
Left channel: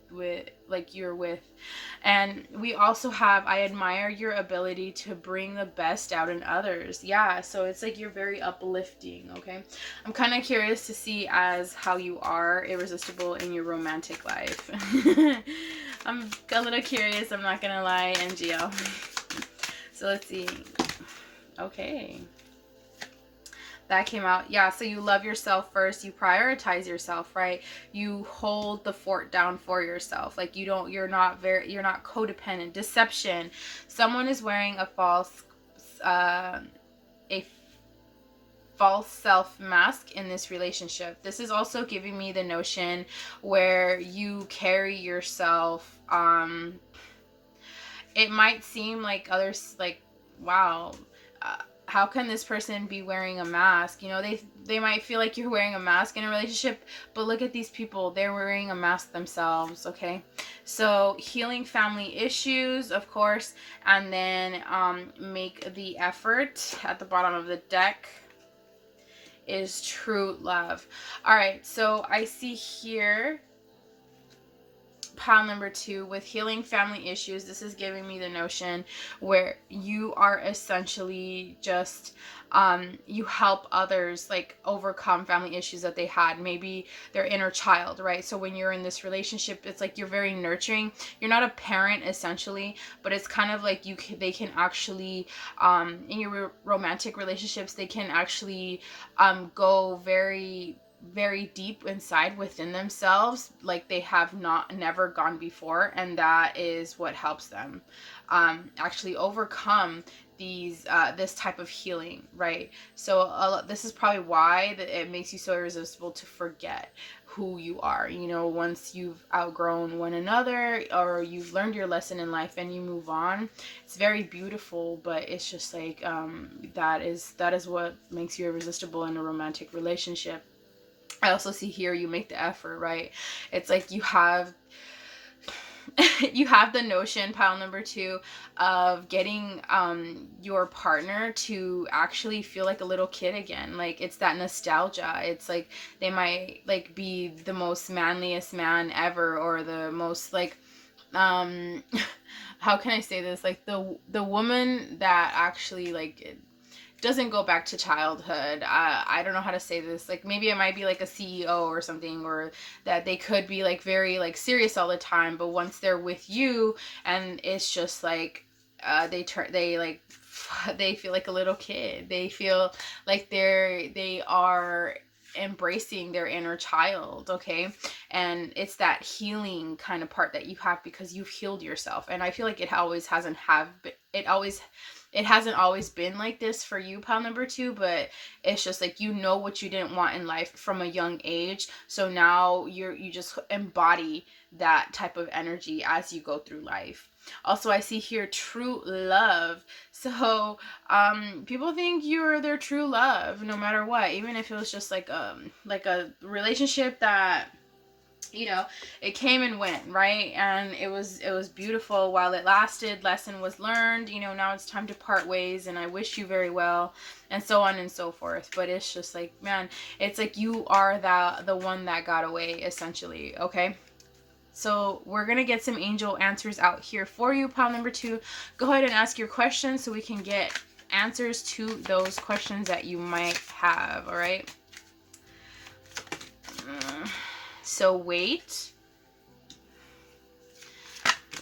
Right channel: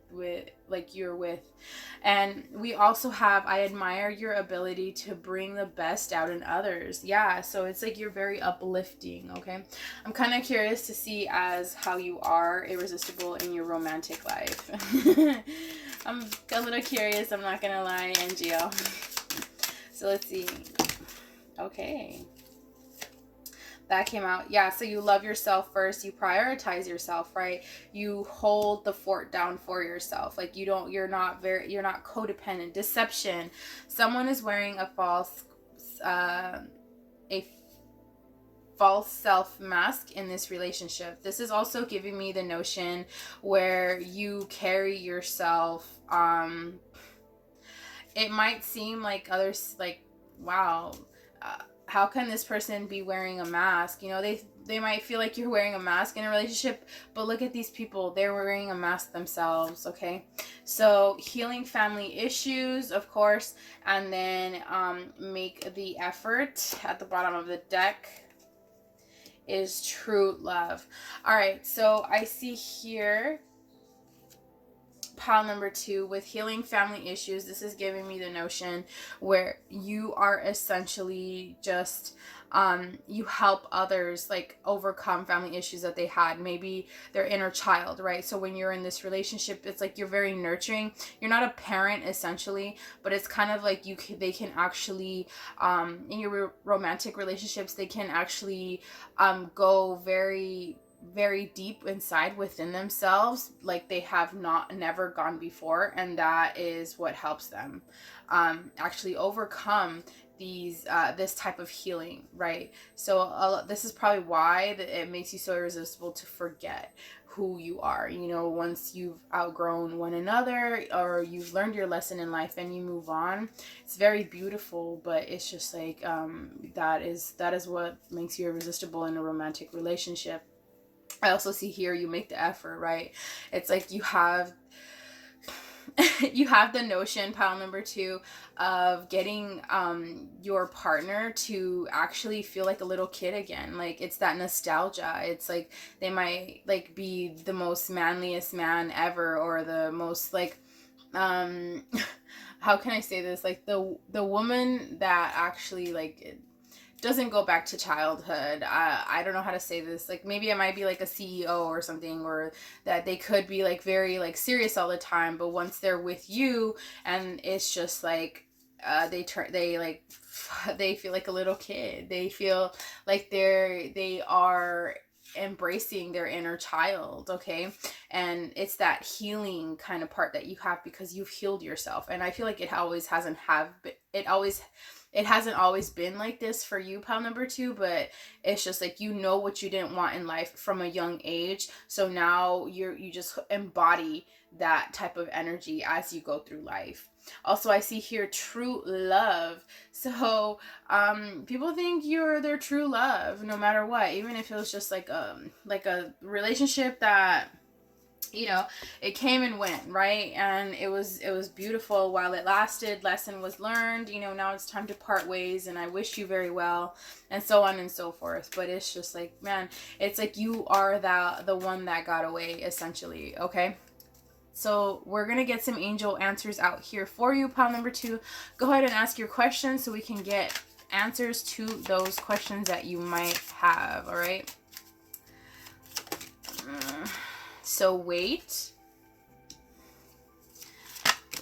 like you're with. And we also have, I admire your ability to bring the best out in others. Yeah, so it's like you're very uplifting. Okay, I'm kind of curious to see as how you are irresistible in your romantic life. I'm a little curious, I'm not gonna lie, NGL. So let's see. Okay. That came out. Yeah, so you love yourself first. You prioritize yourself, right? You hold the fort down for yourself. Like you're not codependent. Deception. Someone is wearing a false self mask in this relationship. This is also giving me the notion where you carry yourself, it might seem like others, like, wow, how can this person be wearing a mask? You know, they might feel like you're wearing a mask in a relationship, but look at these people. They're wearing a mask themselves, okay? So healing family issues, of course, and then make the effort. At the bottom of the deck is true love. All right, so I see here pile number 2 with healing family issues. This is giving me the notion where you are essentially just you help others like overcome family issues that they had, maybe their inner child, right? So when you're in this relationship, it's like you're very nurturing. You're not a parent essentially, but it's kind of like they can actually in your romantic relationships, they can actually go very deep inside within themselves, like they have never gone before, and that is what helps them actually overcome these this type of healing, right? So this is probably why it makes you so irresistible to forget who you are, you know, once you've outgrown one another or you've learned your lesson in life and you move on. It's very beautiful, but it's just like that is what makes you irresistible in a romantic relationship. I also see here you make the effort, right? It's like you have the notion, pile number 2, of getting your partner to actually feel like a little kid again. Like it's that nostalgia. It's like they might like be the most manliest man ever, or the most like how can I say this? Like the woman that actually like doesn't go back to childhood. I don't know how to say this. Like maybe it might be like a CEO or something, or that they could be like very like serious all the time, but once they're with you and it's just like they feel like a little kid. They feel like they are embracing their inner child, okay? And it's that healing kind of part that you have because you've healed yourself. And I feel like it hasn't always been like this for you, pile number 2, but it's just like you know what you didn't want in life from a young age. So now you just embody that type of energy as you go through life. Also, I see here true love. So people think you're their true love no matter what, even if it was just like a relationship that, you know, it came and went, right? And it was beautiful while it lasted. Lesson was learned. You know, now it's time to part ways, and I wish you very well, and so on and so forth. But it's just like, man, it's like you are the one that got away, essentially, okay? So we're going to get some angel answers out here for you, pile number 2. Go ahead and ask your questions so we can get answers to those questions that you might have, all right? So wait.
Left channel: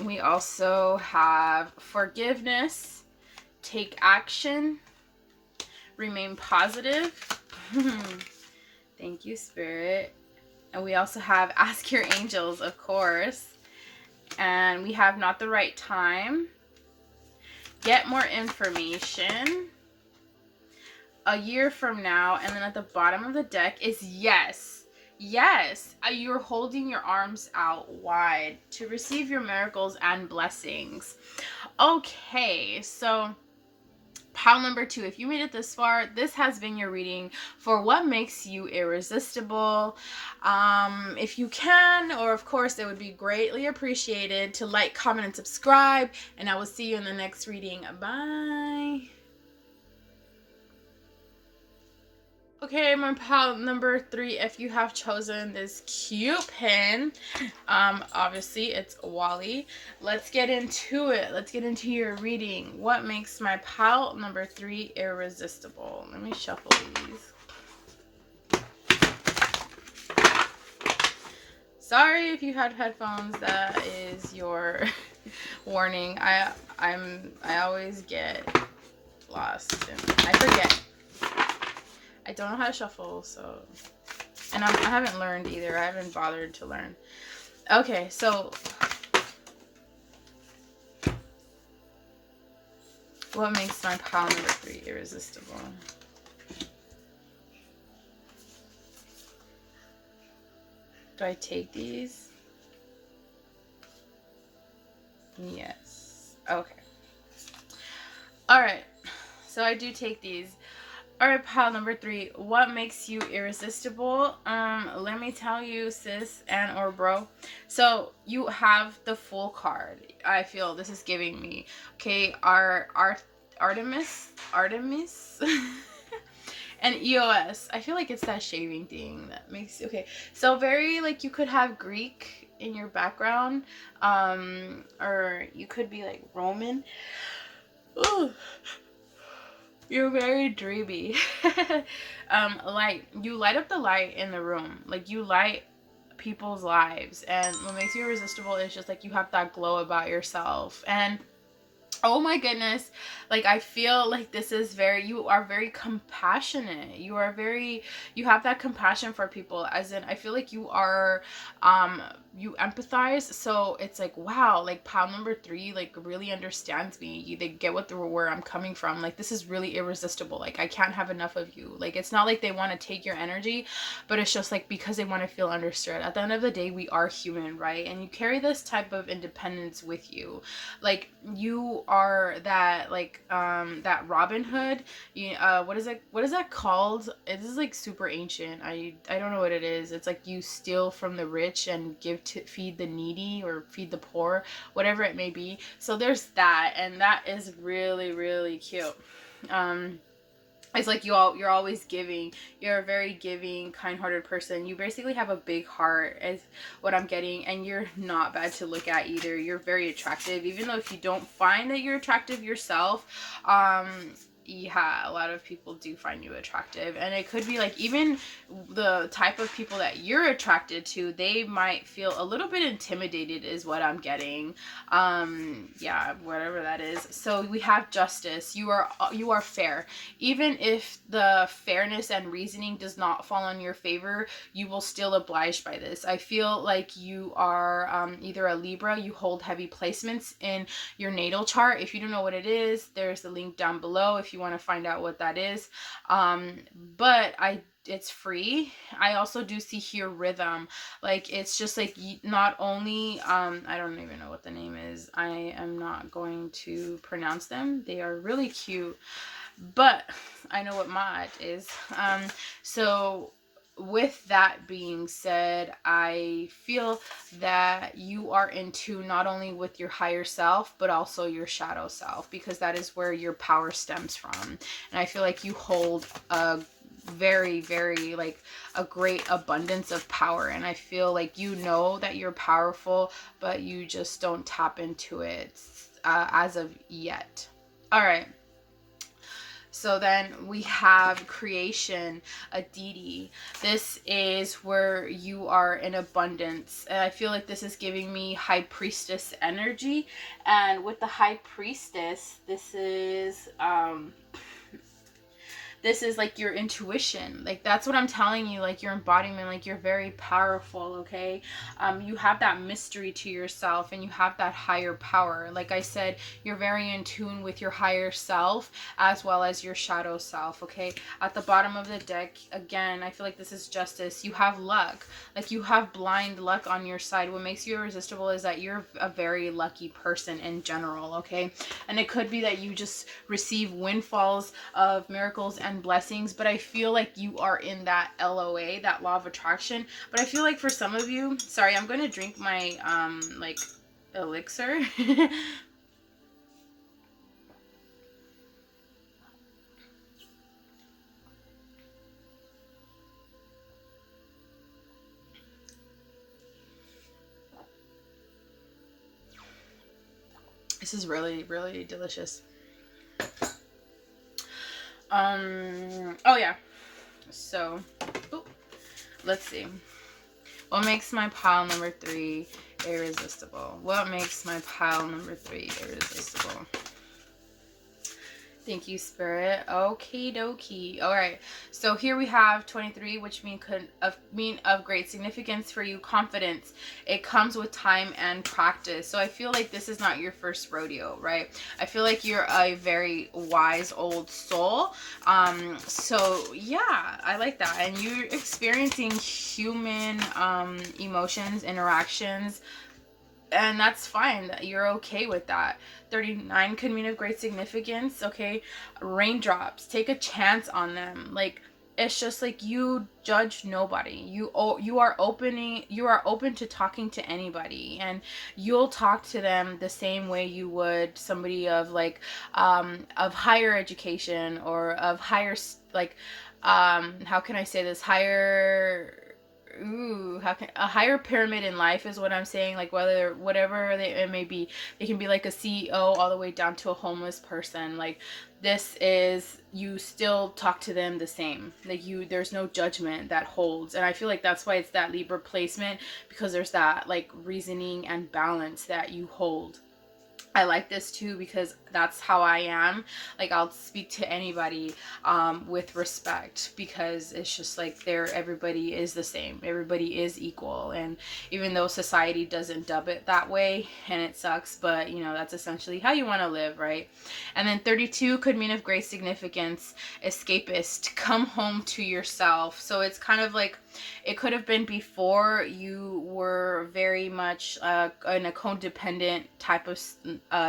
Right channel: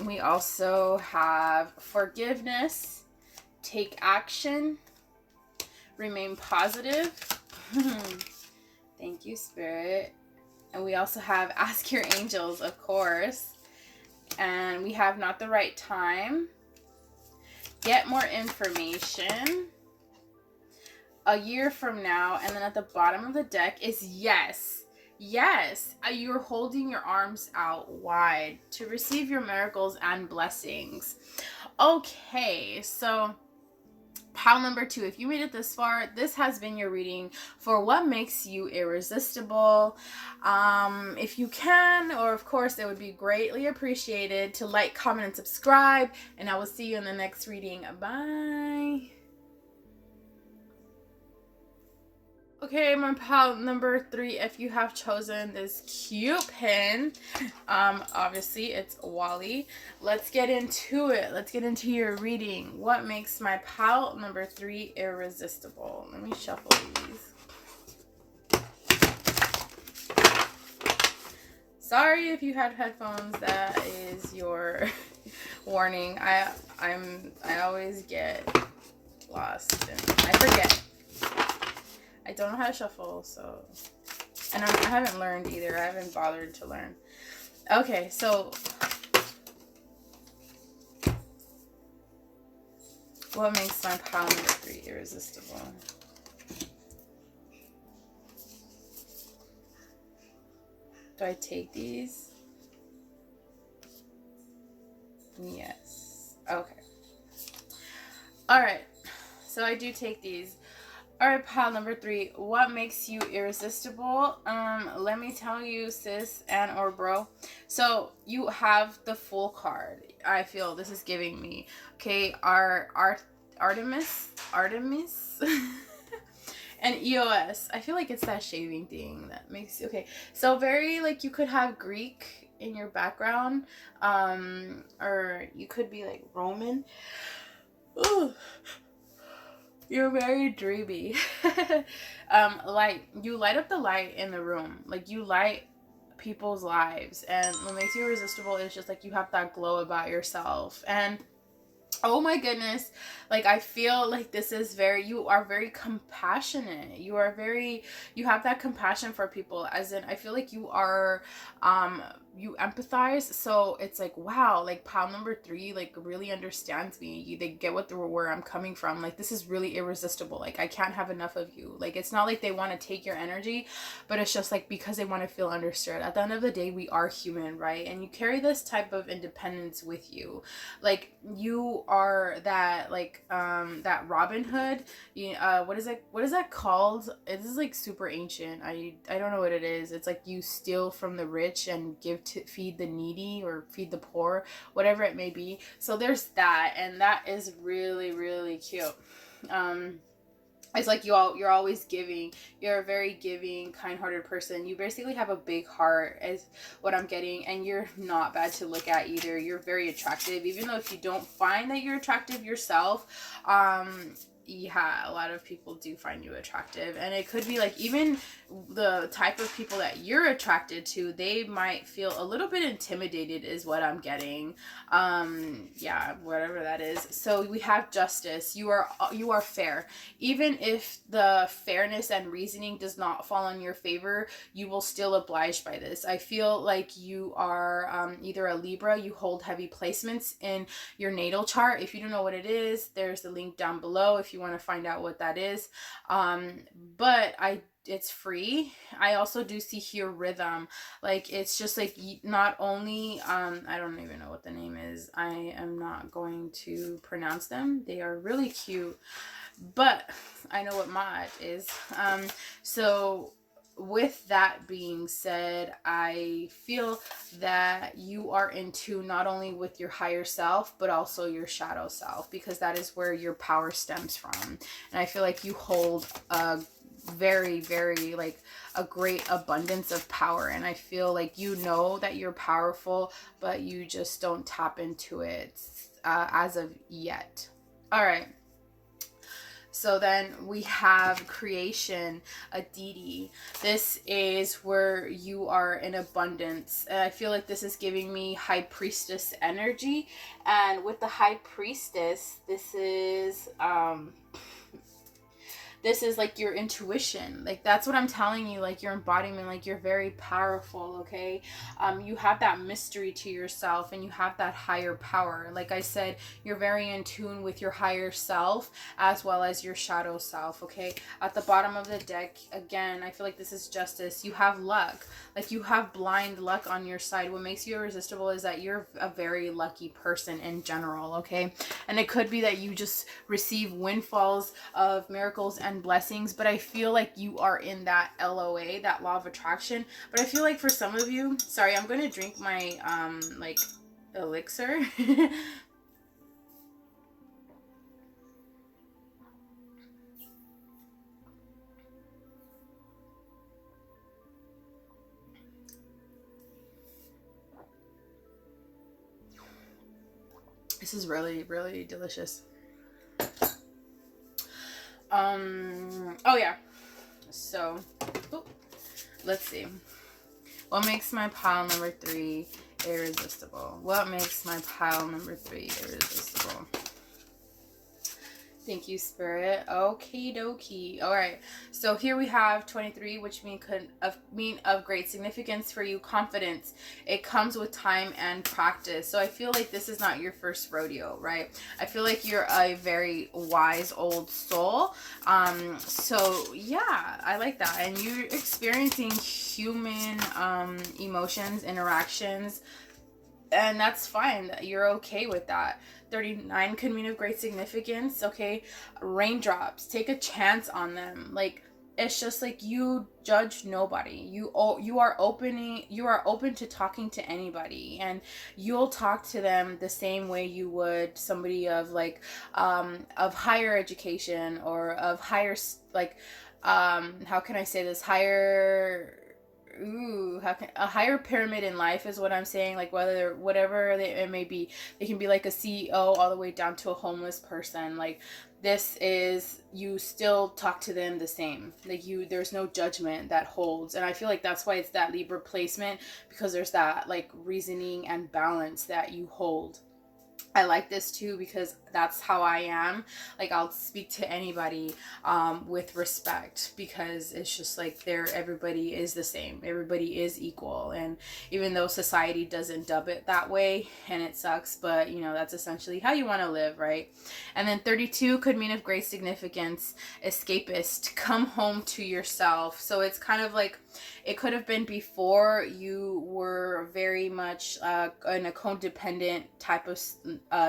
We also have forgiveness, take action, remain positive. Thank you, Spirit. And we also have ask your angels, of course. And we have not the right time, get more information, a year from now. And then at the bottom of the deck is yes. Yes, you're holding your arms out wide to receive your miracles and blessings. Okay, so pile number 2, if you made it this far, this has been your reading for what makes you irresistible. If you can, or of course, it would be greatly appreciated to like, comment, and subscribe, and I will see you in the next reading. Bye. Okay, my pile number 3, if you have chosen this cute pin, obviously it's Wally. Let's get into it. Let's get into your reading. What makes my pile number 3 irresistible? Let me shuffle these. Sorry if you had headphones. That is your Warning, I always get lost and I forget. I don't know how to shuffle, so, and I haven't learned either. I haven't bothered to learn. Okay, so what makes my pile number 3 irresistible? Do I take these? Yes. Okay. Alright. So I do take these. Alright, pile number 3. What makes you irresistible? Let me tell you, sis and or bro. So you have the Fool card. I feel this is giving me. Okay, Artemis. And EOS. I feel like it's that shaving thing that makes you okay. So very like you could have Greek in your background. Or you could be like Roman. Ooh. You're very dreamy. Light. You light up the light in the room. Like you light people's lives. And what makes you irresistible is just like you have that glow about yourself. And oh my goodness, like I feel like this is you are very compassionate. You have that compassion for people, as in I feel like you are you empathize. So it's like, wow, like pile number 3 like really understands me. They get where I'm coming from. Like this is really irresistible. Like I can't have enough of you. Like it's not like they want to take your energy, but it's just like because they want to feel understood. At the end of the day, we are human, right? And you carry this type of independence with you. Like you are that like that Robin Hood. What is that called? This is like super ancient. I don't know what it is. It's like you steal from the rich and give to feed the needy or feed the poor, whatever it may be. So there's that, and that is really, really cute. It's like you're always giving. You're a very giving, kind-hearted person. You basically have a big heart is what I'm getting, and you're not bad to look at either. You're very attractive, even though if you don't find that you're attractive yourself, yeah, a lot of people do find you attractive. And it could be like even the type of people that you're attracted to, they might feel a little bit intimidated is what I'm getting. Yeah, whatever that is. So we have justice. You are fair. Even if the fairness and reasoning does not fall in your favor, you will still oblige by this. I feel like you are either a Libra, you hold heavy placements in your natal chart. If you don't know what it is, there's the link down below if you want to find out what that is. But it's free. I also do see here rhythm. Like it's just like not only I don't even know what the name is. I am not going to pronounce them. They are really cute, but I know what Ma'at is. So with that being said, I feel that you are in tune not only with your higher self, but also your shadow self, because that is where your power stems from. And I feel like you hold a very, very like a great abundance of power. And I feel like you know that you're powerful, but you just don't tap into it as of yet. All right. So then we have creation, a deity. This is where you are in abundance. And I feel like this is giving me high priestess energy. And with the high priestess, this is like your intuition. Like that's what I'm telling you, like your embodiment, like you're very powerful. Okay, you have that mystery to yourself, and you have that higher power. Like I said, you're very in tune with your higher self as well as your shadow self. Okay, at the bottom of the deck again, I feel like this is justice. You have luck. Like you have blind luck on your side. What makes you irresistible is that you're a very lucky person in general. Okay, and it could be that you just receive windfalls of miracles and blessings, but I feel like you are in that LOA, that law of attraction. But I feel like for some of you, sorry, I'm going to drink my like elixir. This is really, really delicious. Oh yeah, so let's see what makes my pile number 3 irresistible? What makes my pile number 3 irresistible? Thank you, Spirit. Okie dokie. All right. So here we have 23, which mean of great significance for you. Confidence. It comes with time and practice. So I feel like this is not your first rodeo, right? I feel like you're a very wise old soul. So yeah, I like that. And you're experiencing human emotions, interactions, and that's fine. You're okay with that. 39 could mean of great significance. Okay, raindrops, take a chance on them. Like, it's just like, you judge nobody. You are open to talking to anybody, and you'll talk to them the same way you would somebody of like of higher education, or of higher, like, how can I say this, higher, a higher pyramid in life is what I'm saying. Like, whatever it may be, it can be like a CEO all the way down to a homeless person. Like, this is, you still talk to them the same. Like, there's no judgment that holds. And I feel like that's why it's that Libra placement, because there's that like reasoning and balance that you hold. I like this too, because that's how I am. Like, I'll speak to anybody with respect, because it's just like, everybody is the same. Everybody is equal. And even though society doesn't dub it that way, and it sucks, but you know, that's essentially how you want to live, right? And then 32 could mean of great significance. Escapist. Come home to yourself. So it's kind of like, it could have been before you were very much in a codependent type of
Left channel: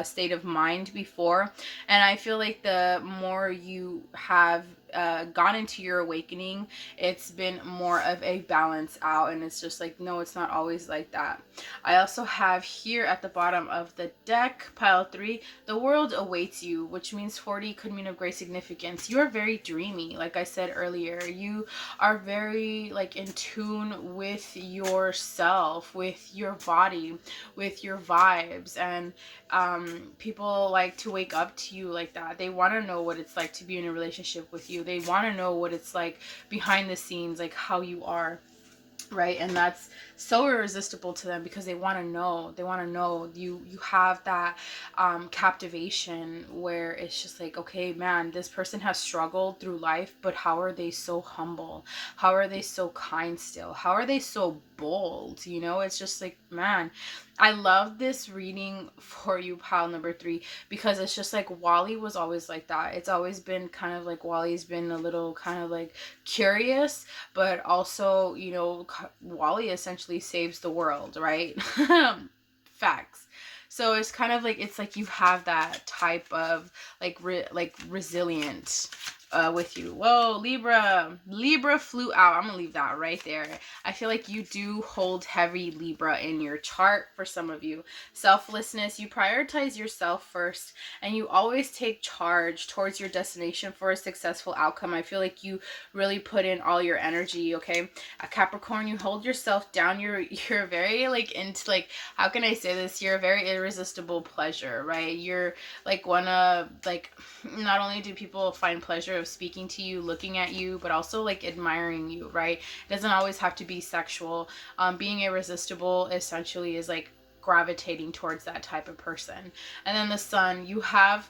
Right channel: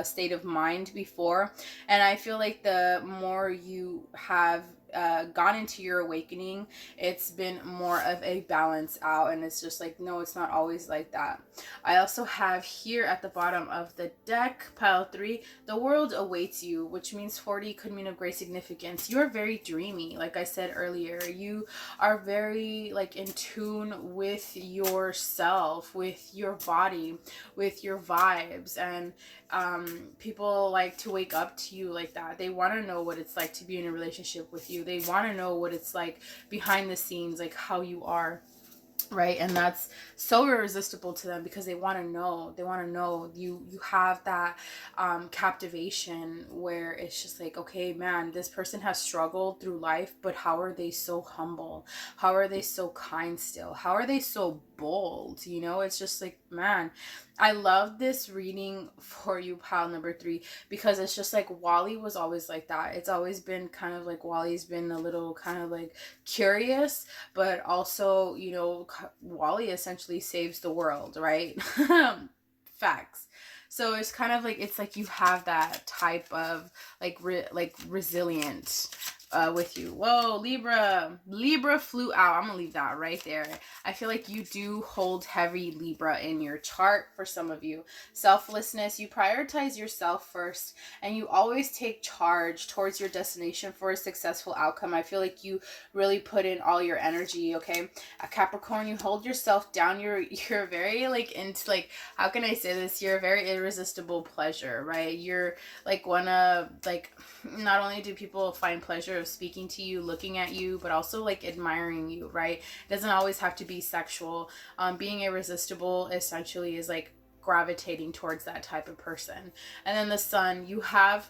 state of mind before. And I feel like the more you have gone into your awakening, it's been more of a balance out, and it's just like, no, it's not always like that. I also have here at the bottom of the deck, pile 3, the world awaits you, which means 40 could mean of great significance. You are very dreamy, like I said earlier. You are very like in tune with yourself, with your body, with your vibes, and people like to wake up to you like that. They want to know what it's like to be in a relationship with you. They want to know what it's like behind the scenes, like how you are, right? And that's so irresistible to them, because they want to know. You have that captivation, where it's just like, okay, man, this person has struggled through life, but how are they so humble? How are they so kind still? How are they so bold? You know, it's just like, man, I love this reading for you, pile number 3, because it's just like, Wally was always like that. It's always been kind of like, Wally's been a little kind of like curious, but also, you know, Wally essentially saves the world, right? Facts. So it's kind of like, it's like you have that type of like resilient with you. Whoa, Libra flew out. I'm gonna leave that right there. I feel like you do hold heavy Libra in your chart. For some of you, selflessness, you prioritize yourself first, and you always take charge towards your destination for a successful outcome. I feel like you really put in all your energy. Okay, a Capricorn, you hold yourself down. You're very like into, like, how can I say this, you're a very irresistible pleasure, right? You're like one of, like, not only do people find pleasure of speaking to you, looking at you, but also like admiring you, right? It doesn't always have to be sexual. Being irresistible essentially is like gravitating towards that type of person. And then the Sun, you have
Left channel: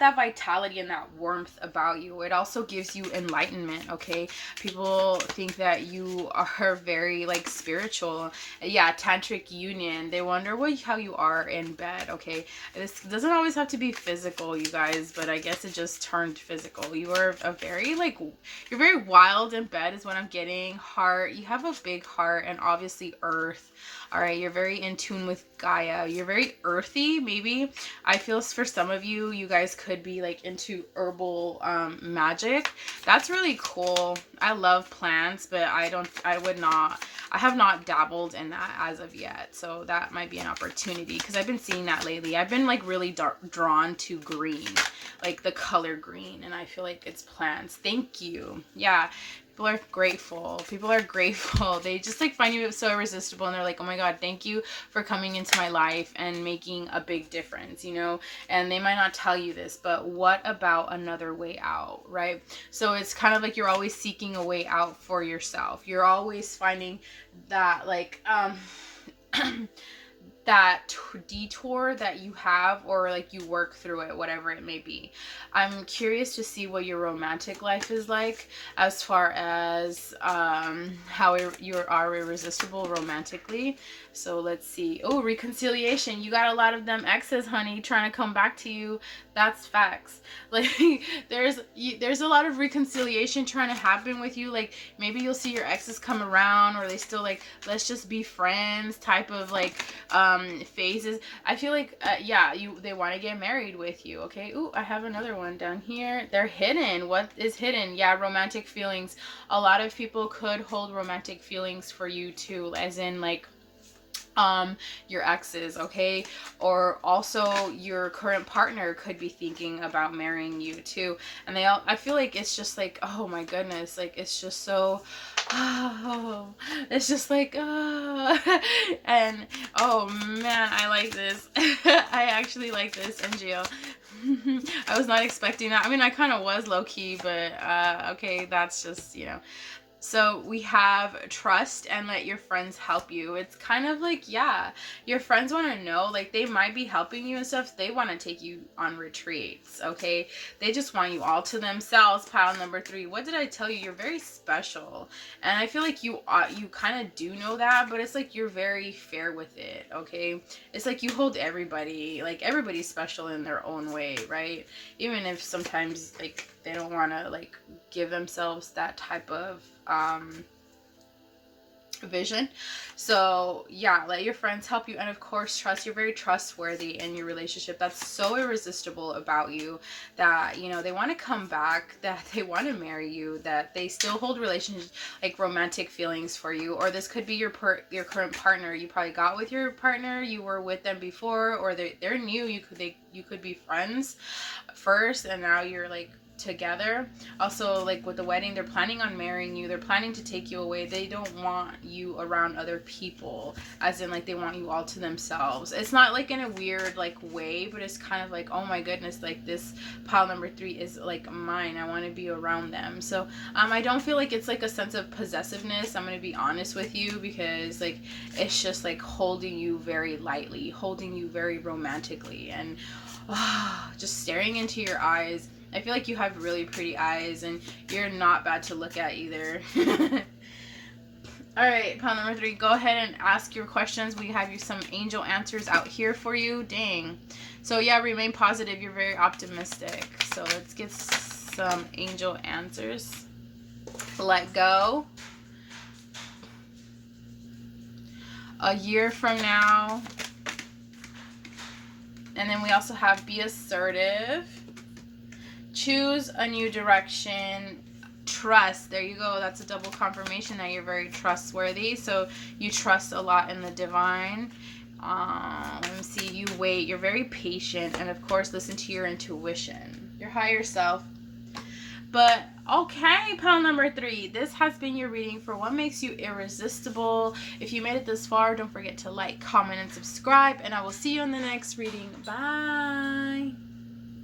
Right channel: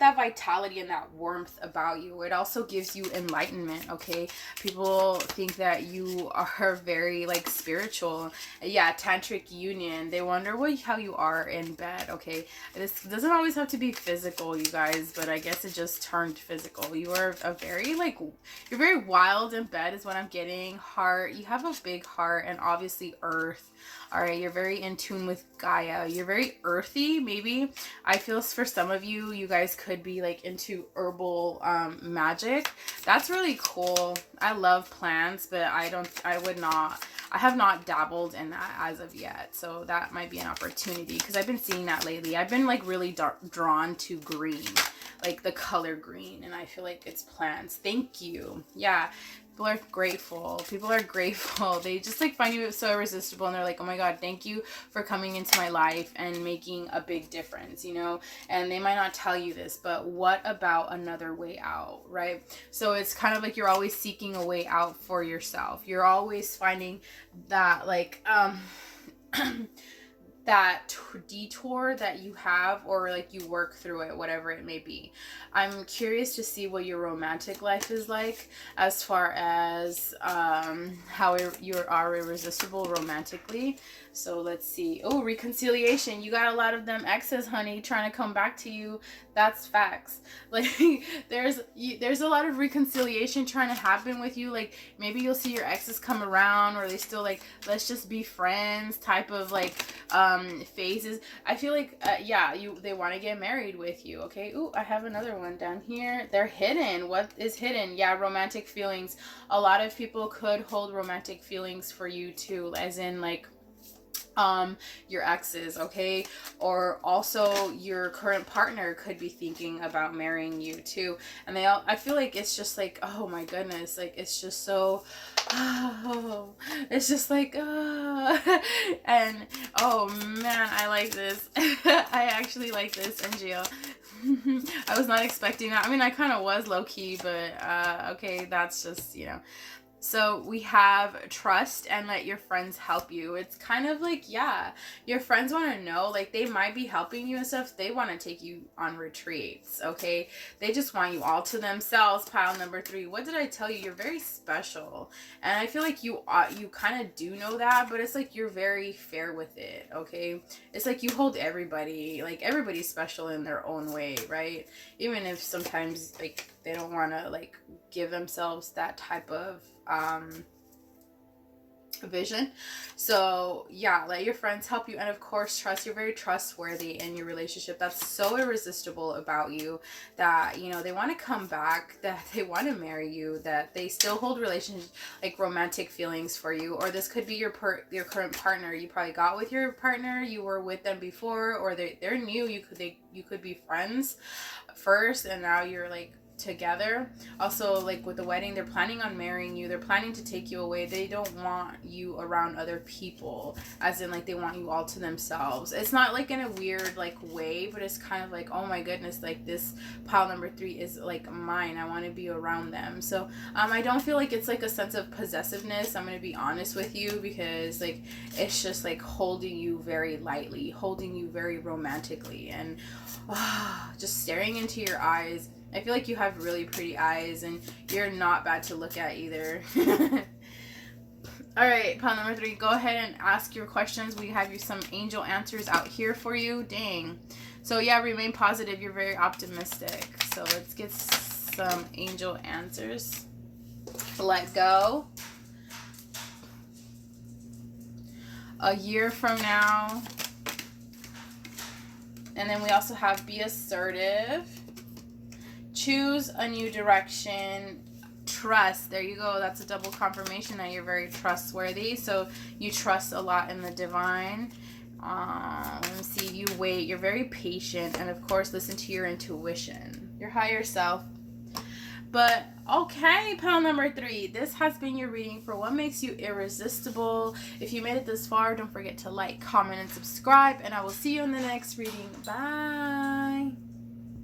that vitality and that warmth about you. It also gives you enlightenment, okay? People think that you are very like spiritual. Yeah, tantric union. They wonder how you are in bed, okay? This doesn't always have to be physical, you guys, but I guess it just turned physical. You are you're very wild in bed is what I'm getting. Heart, you have a big heart, and obviously earth. All right, you're very in tune with Gaia. You're very earthy, maybe. I feel for some of you, you guys could be like into herbal magic. That's really cool. I love plants, but I have not dabbled in that as of yet. So that might be an opportunity, because I've been seeing that lately. I've been like really drawn to green, like the color green, and I feel like it's plants. Thank you. Yeah. People are grateful. They just like find you so irresistible, and they're like, oh my God, thank you for coming into my life and making a big difference, you know? And they might not tell you this, but what about another way out, right? So it's kind of like you're always seeking a way out for yourself. You're always finding that like, that detour that you have, or like you work through it, whatever it may be. I'm curious to see what your romantic life is like, as far as how you are irresistible romantically. So let's see. Oh, reconciliation. You got a lot of them exes, honey, trying to come back to you. That's facts. Like there's a lot of reconciliation trying to happen with you. Like maybe you'll see your exes come around, or they still like, let's just be friends type of like phases. I feel like they want to get married with you. Okay. Ooh, I have another one down here. They're hidden. What is hidden? Yeah, romantic feelings. A lot of people could hold romantic feelings for you too, as in like your exes, okay? Or also your current partner could be thinking about marrying you too. And I feel like it's just like, oh my goodness, like it's just so it's just like and oh man, I like this. I actually like this, NGL. I was not expecting that. I mean, I kind of was low-key, but okay, that's just, you know. So we have trust and let your friends help you. It's kind of like, yeah, your friends want to know, like they might be helping you and stuff. They want to take you on retreats, okay? They just want you all to themselves. Pile number 3. What did I tell you? You're very special. And I feel like you kind of do know that, but it's like you're very fair with it, okay? It's like you hold everybody, like everybody's special in their own way, right? Even if sometimes like they don't want to like give themselves that type of vision. So yeah, let your friends help you, and of course trust. You're very trustworthy in your relationship. That's so irresistible about you, that you know they want to come back, that they want to marry you, that they still hold relationships, like romantic feelings for you. Or this could be your current partner. You probably got with your partner, you were with them before, or they're new. You could be friends first, and now you're like together. Also, like with the wedding, they're planning on marrying you. They're planning to take you away. They don't want you around other people, as in like they want you all to themselves. It's not like in a weird like way, but it's kind of like, oh my goodness, like this pile number 3 is like mine. I want to be around them. So I don't feel like it's like a sense of possessiveness. I'm going to be honest with you, because like it's just like holding you very lightly, holding you very romantically, and just staring into your eyes. I feel like you have really pretty eyes, and you're not bad to look at either. All right, pile number 3. Go ahead and ask your questions. We have you some angel answers out here for you. Dang. So yeah, remain positive. You're very optimistic. So let's get some angel answers. Let go. A year from now. And then we also have be assertive. Choose a new direction. Trust. There you go. That's a double confirmation that you're very trustworthy. So you trust a lot in the divine. Let me see. You wait. You're very patient. And of course, listen to your intuition. Your higher self. But okay, pile number 3. This has been your reading for what makes you irresistible. If you made it this far, don't forget to like, comment, and subscribe. And I will see you in the next reading. Bye.